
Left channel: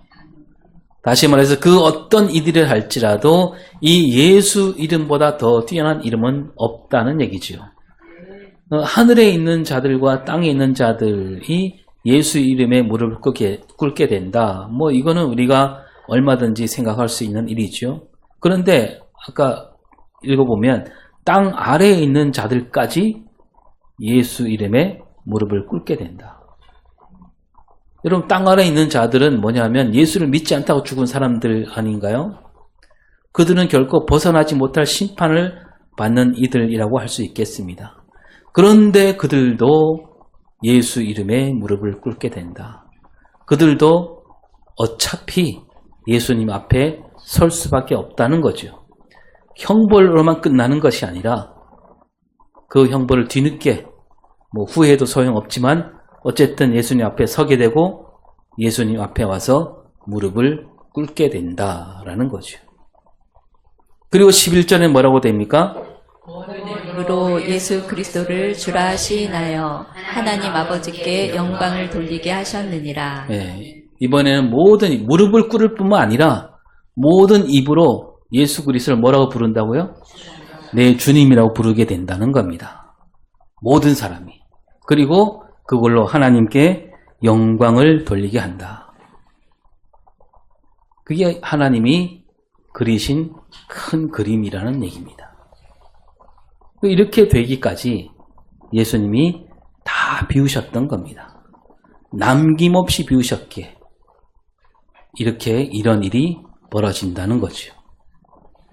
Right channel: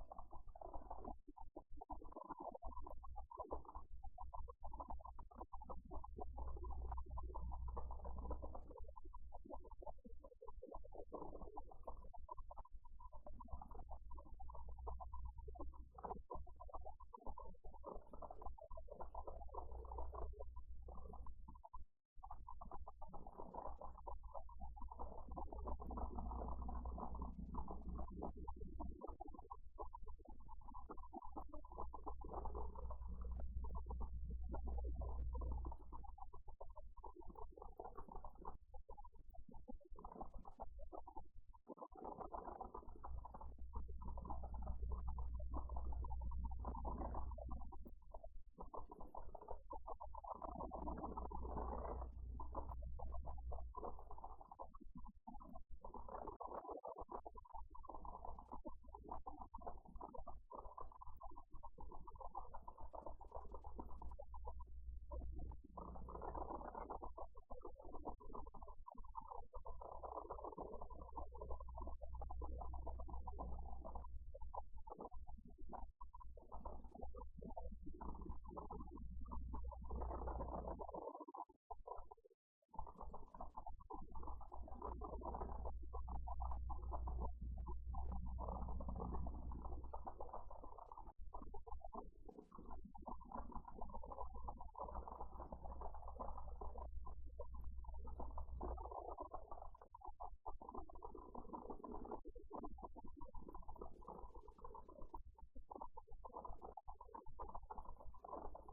다시 말해서 그 어떤 이들을 할지라도 이 예수 이름보다 더 뛰어난 이름은 없다는 얘기지요. 하늘에 있는 자들과 땅에 있는 자들이 예수 이름에 무릎을 꿇게 된다. 뭐 이거는 우리가 얼마든지 생각할 수 있는 일이죠. 그런데 아까 읽어보면 땅 아래에 있는 자들까지 예수 이름에 무릎을 꿇게 된다. 여러분 땅 아래에 있는 자들은 뭐냐면 예수를 믿지 않다고 죽은 사람들 아닌가요? 그들은 결코 벗어나지 못할 심판을 받는 이들이라고 할 수 있겠습니다. 그런데 그들도 예수 이름에 무릎을 꿇게 된다. 그들도 어차피 예수님 앞에 설 수밖에 없다는 거죠. 형벌로만 끝나는 것이 아니라 그 형벌을 뒤늦게 후회해도 소용없지만 어쨌든 예수님 앞에 서게 되고 예수님 앞에 와서 무릎을 꿇게 된다라는 거죠. 그리고 11절에 뭐라고 됩니까? 으로 예수 그리스도를 주라 하시나요 하나님 아버지께 영광을 돌리게 하셨느니라. 네, 이번에는 모든 무릎을 꿇을 뿐만 아니라 모든 입으로 예수 그리스도를 뭐라고 부른다고요? 내 주님이라고 부르게 된다는 겁니다. 모든 사람이. 그리고 그걸로 하나님께 영광을 돌리게 한다. 그게 하나님이 그리신 큰 그림이라는 얘기입니다. 이렇게 되기까지 예수님이 다 비우셨던 겁니다. 남김없이 비우셨기에 이렇게 이런 일이 벌어진다는 거죠.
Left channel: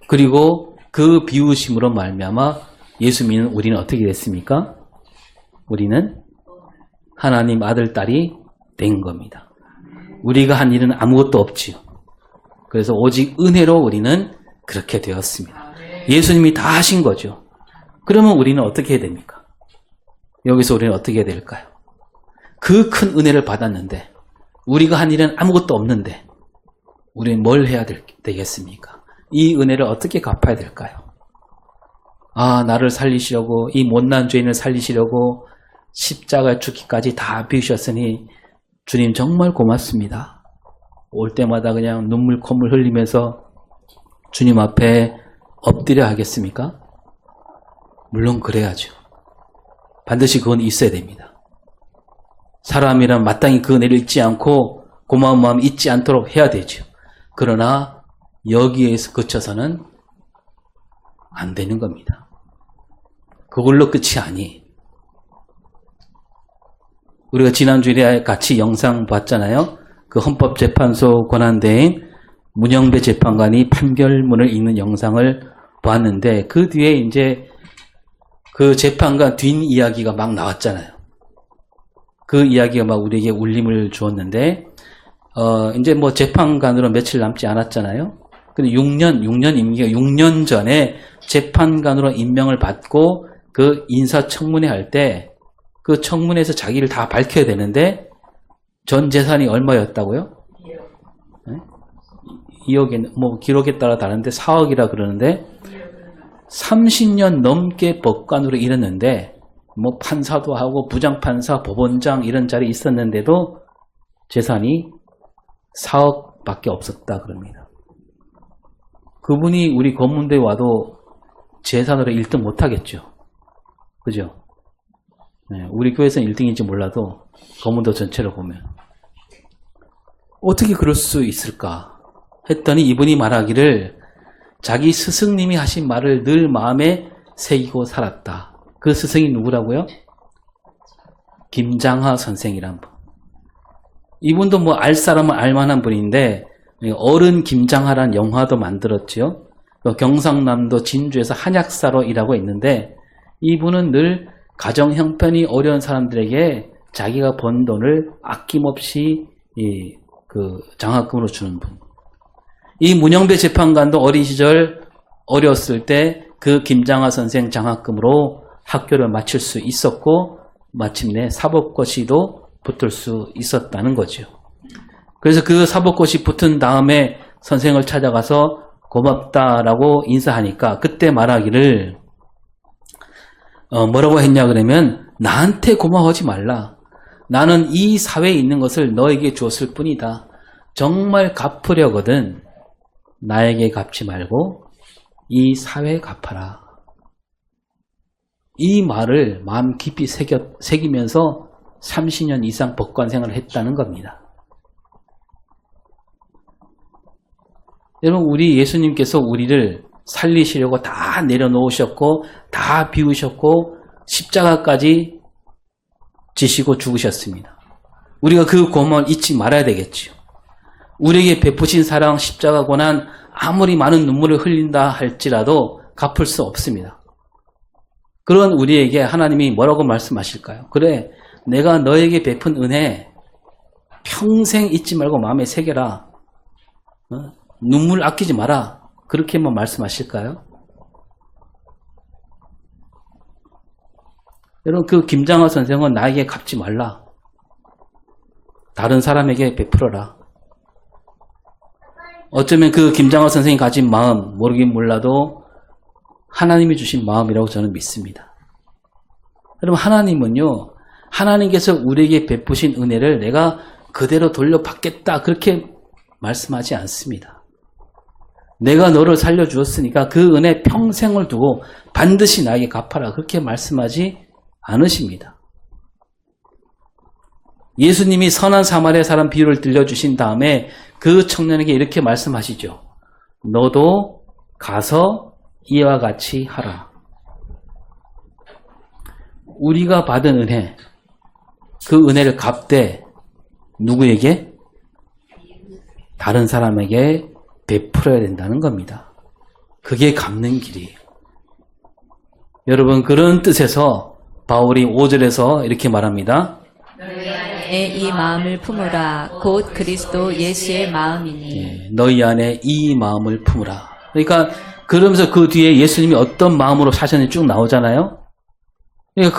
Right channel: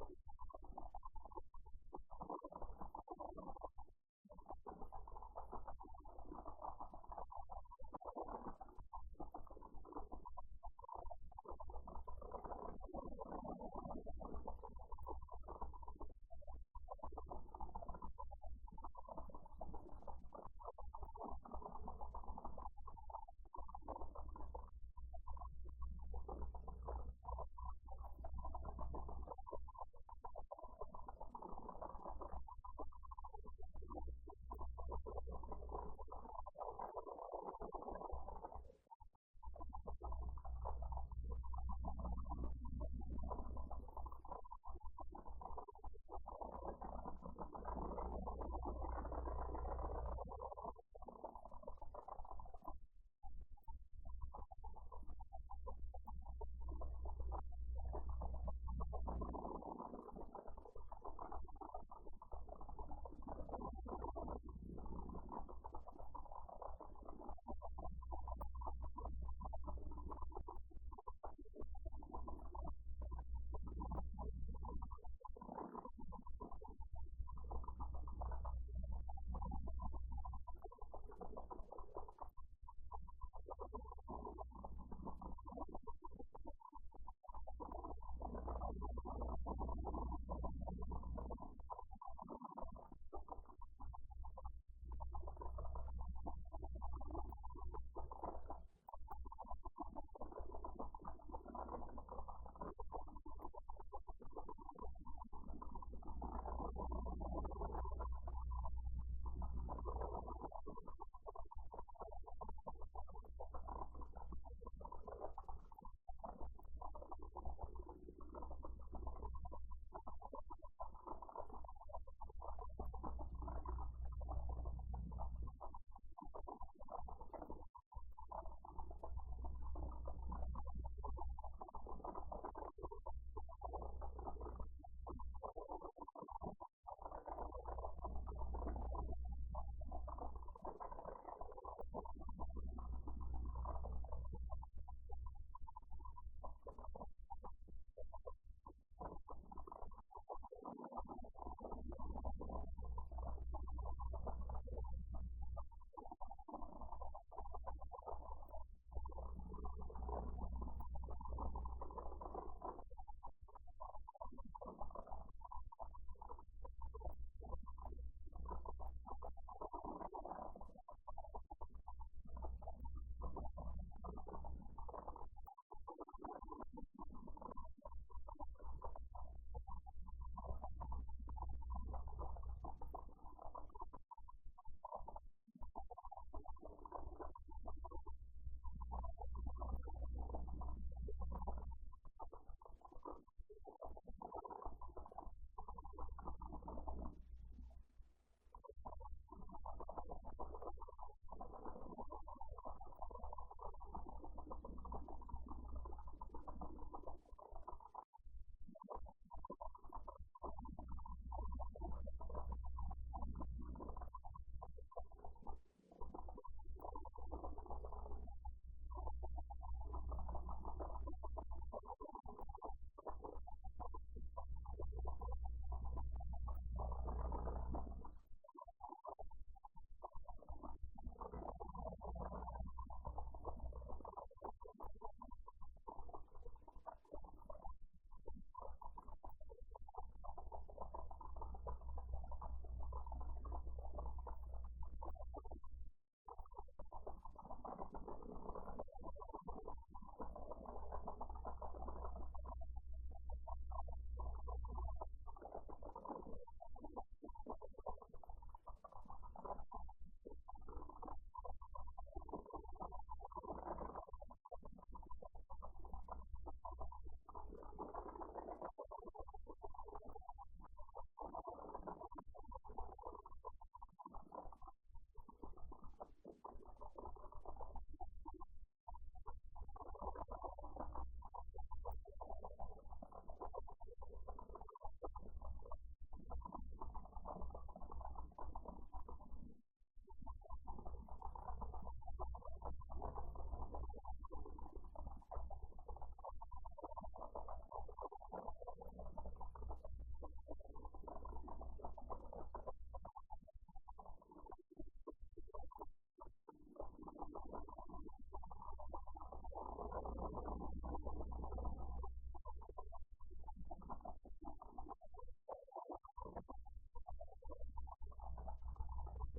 그리고 그 비우심으로 말미암아 예수 믿는 우리는 어떻게 됐습니까? 우리는 하나님 아들, 딸이 된 겁니다. 우리가 한 일은 아무것도 없지요. 그래서 오직 은혜로 우리는 그렇게 되었습니다. 예수님이 다 하신 거죠. 그러면 우리는 어떻게 해야 됩니까? 여기서 우리는 어떻게 해야 될까요? 그 큰 은혜를 받았는데 우리가 한 일은 아무것도 없는데 우리는 뭘 해야 되겠습니까? 이 은혜를 어떻게 갚아야 될까요? 아, 나를 살리시려고 이 못난 죄인을 살리시려고 십자가에 죽기까지 다 비우셨으니 주님 정말 고맙습니다. 올 때마다 그냥 눈물 콧물 흘리면서 주님 앞에 엎드려 하겠습니까? 물론 그래야죠. 반드시 그건 있어야 됩니다. 사람이란 마땅히 그 은혜를 잊지 않고 고마운 마음 잊지 않도록 해야 되죠. 그러나 여기에서 그쳐서는 안 되는 겁니다. 그걸로 끝이 아니. 우리가 지난주에 같이 영상 봤잖아요. 그 헌법재판소 권한대행 문영배 재판관이 판결문을 읽는 영상을 봤는데 그 뒤에 이제 그 재판관 뒷이야기가 막 나왔잖아요. 그 이야기가 막 우리에게 울림을 주었는데 이제 뭐 재판관으로 며칠 남지 않았잖아요. 근데 6년 임기가 6년 전에 재판관으로 임명을 받고 그 인사청문회 할 때 그 청문회에서 자기를 다 밝혀야 되는데 전 재산이 얼마였다고요? 네? 2억에 뭐 기록에 따라 다른데 4억이라 그러는데 30년 넘게 법관으로 일했는데 뭐 판사도 하고 부장판사, 법원장 이런 자리 있었는데도 재산이 4억밖에 없었다 그럽니다. 그분이 우리 검문대에 와도 재산으로 1등 못하겠죠. 그죠? 네, 우리 교회에서는 1등인지 몰라도 검문도 전체를 보면 어떻게 그럴 수 있을까 했더니 이분이 말하기를 자기 스승님이 하신 말을 늘 마음에 새기고 살았다. 그 스승이 누구라고요? 김장하 선생이란 분. 이분도 뭐 알 사람은 알만한 분인데 어른 김장하라는 영화도 만들었지요. 경상남도 진주에서 한약사로 일하고 있는데 이분은 늘 가정 형편이 어려운 사람들에게 자기가 번 돈을 아낌없이 장학금으로 주는 분. 이 문영배 재판관도 어린 시절 어렸을 때 그 김장하 선생 장학금으로 학교를 마칠 수 있었고 마침내 사법고시도 붙을 수 있었다는 거죠. 그래서 그 사법고시 붙은 다음에 선생을 찾아가서 고맙다라고 인사하니까 그때 말하기를 뭐라고 했냐 그러면 나한테 고마워하지 말라. 나는 이 사회에 있는 것을 너에게 주었을 뿐이다. 정말 갚으려거든 나에게 갚지 말고 이 사회에 갚아라. 이 말을 마음 깊이 새기면서 30년 이상 법관 생활을 했다는 겁니다. 여러분 우리 예수님께서 우리를 살리시려고 다 내려놓으셨고 다 비우셨고 십자가까지 지시고 죽으셨습니다. 우리가 그 고마움을 잊지 말아야 되겠죠. 우리에게 베푸신 사랑 십자가 고난 아무리 많은 눈물을 흘린다 할지라도 갚을 수 없습니다. 그런 우리에게 하나님이 뭐라고 말씀하실까요? 그래 내가 너에게 베푼 은혜 평생 잊지 말고 마음에 새겨라. 눈물 아끼지 마라. 그렇게만 말씀하실까요? 여러분 그 김장하 선생은 나에게 갚지 말라. 다른 사람에게 베풀어라. 어쩌면 그 김장하 선생이 가진 마음 모르긴 몰라도 하나님이 주신 마음이라고 저는 믿습니다. 여러분 하나님은요. 하나님께서 우리에게 베푸신 은혜를 내가 그대로 돌려받겠다 그렇게 말씀하지 않습니다. 내가 너를 살려주었으니까 그 은혜 평생을 두고 반드시 나에게 갚아라 그렇게 말씀하지 않으십니다. 예수님이 선한 사마리아 사람 비유를 들려주신 다음에 그 청년에게 이렇게 말씀하시죠. 너도 가서 이와 같이 하라. 우리가 받은 은혜, 그 은혜를 갚되 누구에게? 다른 사람에게 베풀어야 된다는 겁니다. 그게 갚는 길이에요. 여러분 그런 뜻에서 바울이 5절에서 이렇게 말합니다. 이 마음을 품으라. 곧 그리스도 예수의 마음이니. 너희 안에 이 마음을 품으라. 그러니까 그러면서 그 뒤에 예수님이 어떤 마음으로 사셨는지 쭉 나오잖아요. 그러니까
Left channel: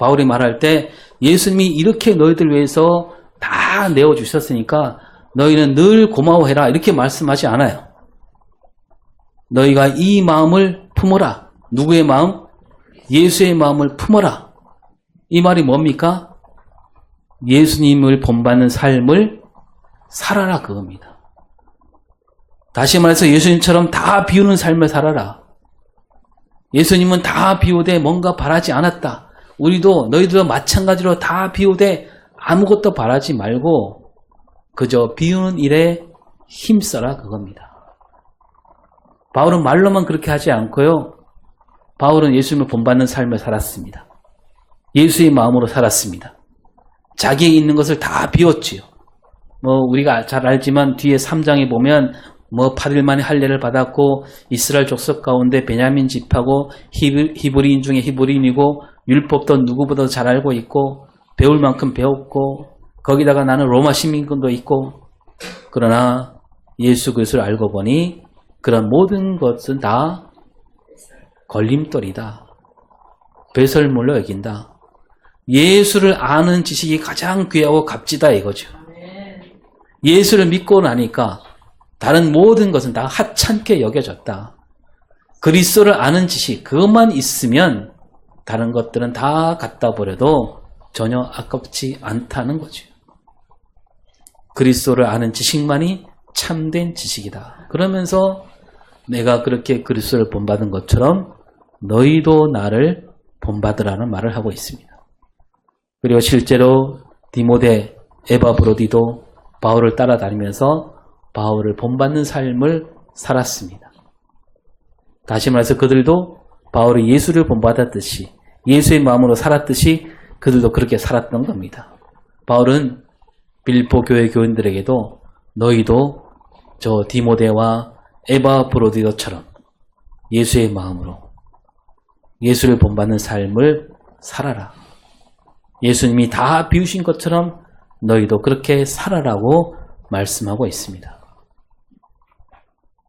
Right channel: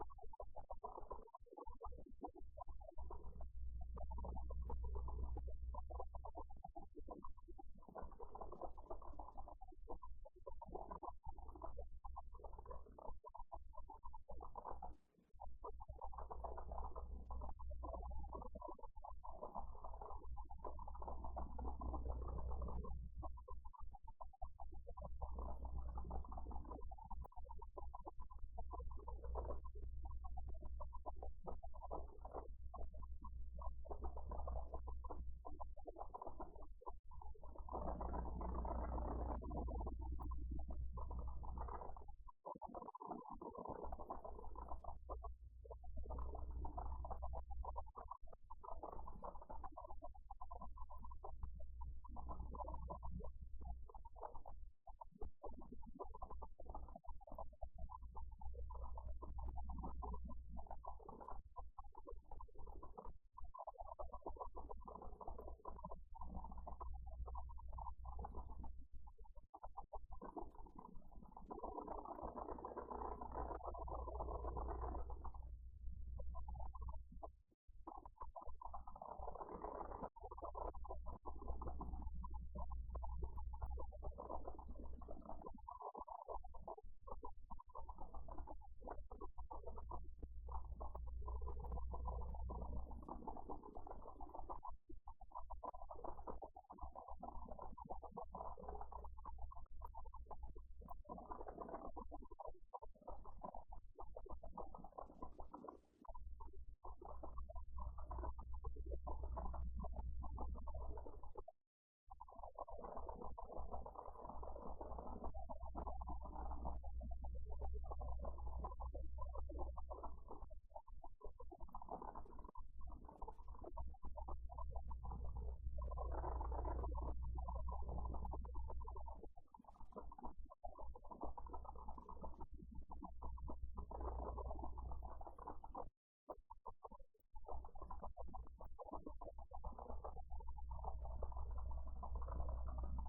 바울이 말할 때 예수님이 이렇게 너희들 위해서 다 내어주셨으니까 너희는 늘 고마워해라 이렇게 말씀하지 않아요. 너희가 이 마음을 품어라. 누구의 마음? 예수의 마음을 품어라. 이 말이 뭡니까? 예수님을 본받는 삶을 살아라 그겁니다. 다시 말해서 예수님처럼 다 비우는 삶을 살아라. 예수님은 다 비우되 뭔가 바라지 않았다. 우리도 너희들도 마찬가지로 다 비우되 아무것도 바라지 말고 그저 비우는 일에 힘써라 그겁니다. 바울은 말로만 그렇게 하지 않고요. 바울은 예수님을 본받는 삶을 살았습니다. 예수의 마음으로 살았습니다. 자기에 있는 것을 다 비웠지요. 우리가 잘 알지만 뒤에 3장에 보면 8일 만에 할례를 받았고 이스라엘 족속 가운데 베냐민 집하고 히브리인 중에 히브리인이고 율법도 누구보다 잘 알고 있고 배울 만큼 배웠고 거기다가 나는 로마 시민권도 있고 그러나 예수 그리스도를 알고 보니 그런 모든 것은 다 걸림돌이다. 배설물로 여긴다. 예수를 아는 지식이 가장 귀하고 값지다 이거죠. 예수를 믿고 나니까 다른 모든 것은 다 하찮게 여겨졌다. 그리스도를 아는 지식 그것만 있으면 다른 것들은 다 갖다 버려도 전혀 아깝지 않다는 거죠. 그리스도를 아는 지식만이 참된 지식이다. 그러면서 내가 그렇게 그리스도를 본받은 것처럼 너희도 나를 본받으라는 말을 하고 있습니다. 그리고 실제로 디모데, 에바브로디도 바울을 따라다니면서 바울을 본받는 삶을 살았습니다. 다시 말해서 그들도 바울이 예수를 본받았듯이 예수의 마음으로 살았듯이 그들도 그렇게 살았던 겁니다. 바울은 빌립보 교회 교인들에게도 너희도 저 디모데와 에바브로디도처럼 예수의 마음으로 예수를 본받는 삶을 살아라. 예수님이 다 비우신 것처럼 너희도 그렇게 살아라고 말씀하고 있습니다.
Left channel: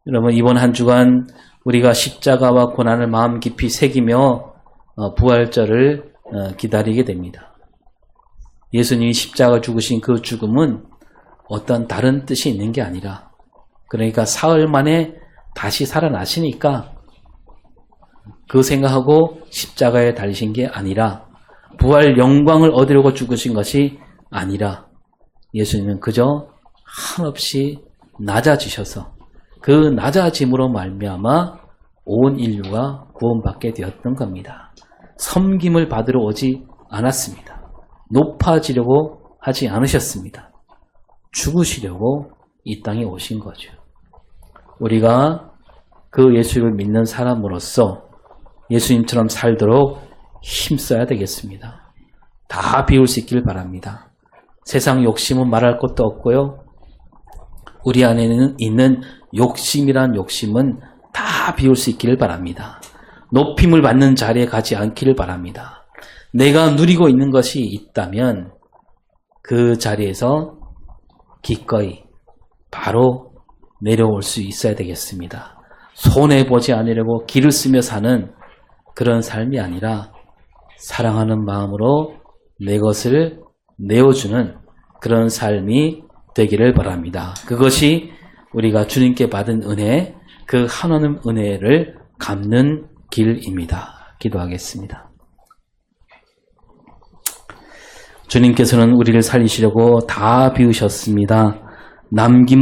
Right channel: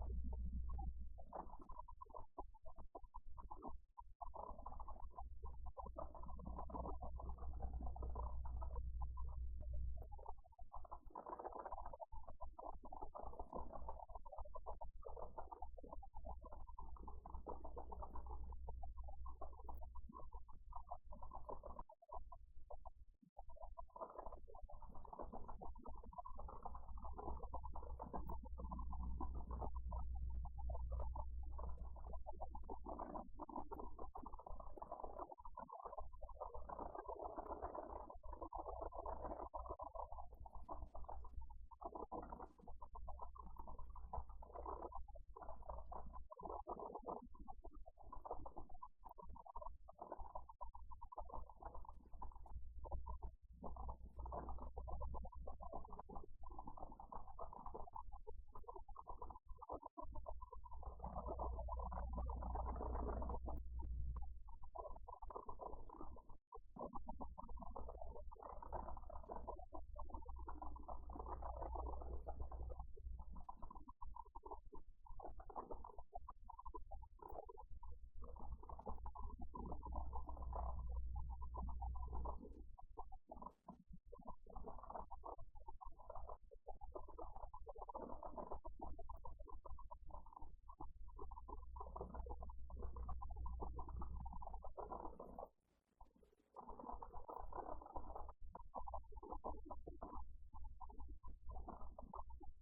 여러분, 이번 한 주간 우리가 십자가와 고난을 마음 깊이 새기며 부활절을 기다리게 됩니다. 예수님이 십자가 죽으신 그 죽음은 어떤 다른 뜻이 있는 게 아니라, 그러니까 사흘 만에 다시 살아나시니까 그 생각하고 십자가에 달리신 게 아니라, 부활 영광을 얻으려고 죽으신 것이 아니라, 예수님은 그저 한없이 낮아지셔서 그 낮아짐으로 말미암아 온 인류가 구원받게 되었던 겁니다. 섬김을 받으러 오지 않았습니다. 높아지려고 하지 않으셨습니다. 죽으시려고 이 땅에 오신 거죠. 우리가 그 예수를 믿는 사람으로서 예수님처럼 살도록 힘써야 되겠습니다. 다 비울 수 있길 바랍니다. 세상 욕심은 말할 것도 없고요. 우리 안에는 있는 욕심이란 욕심은 다 비울 수 있기를 바랍니다. 높임을 받는 자리에 가지 않기를 바랍니다. 내가 누리고 있는 것이 있다면 그 자리에서 기꺼이 바로 내려올 수 있어야 되겠습니다. 손해보지 않으려고 기를 쓰며 사는 그런 삶이 아니라 사랑하는 마음으로 내 것을 내어주는 그런 삶이 되기를 바랍니다. 그것이 우리가 주님께 받은 은혜, 그 한없는 은혜를 갚는 길입니다. 기도하겠습니다. 주님께서는 우리를 살리시려고 다 비우셨습니다. 남김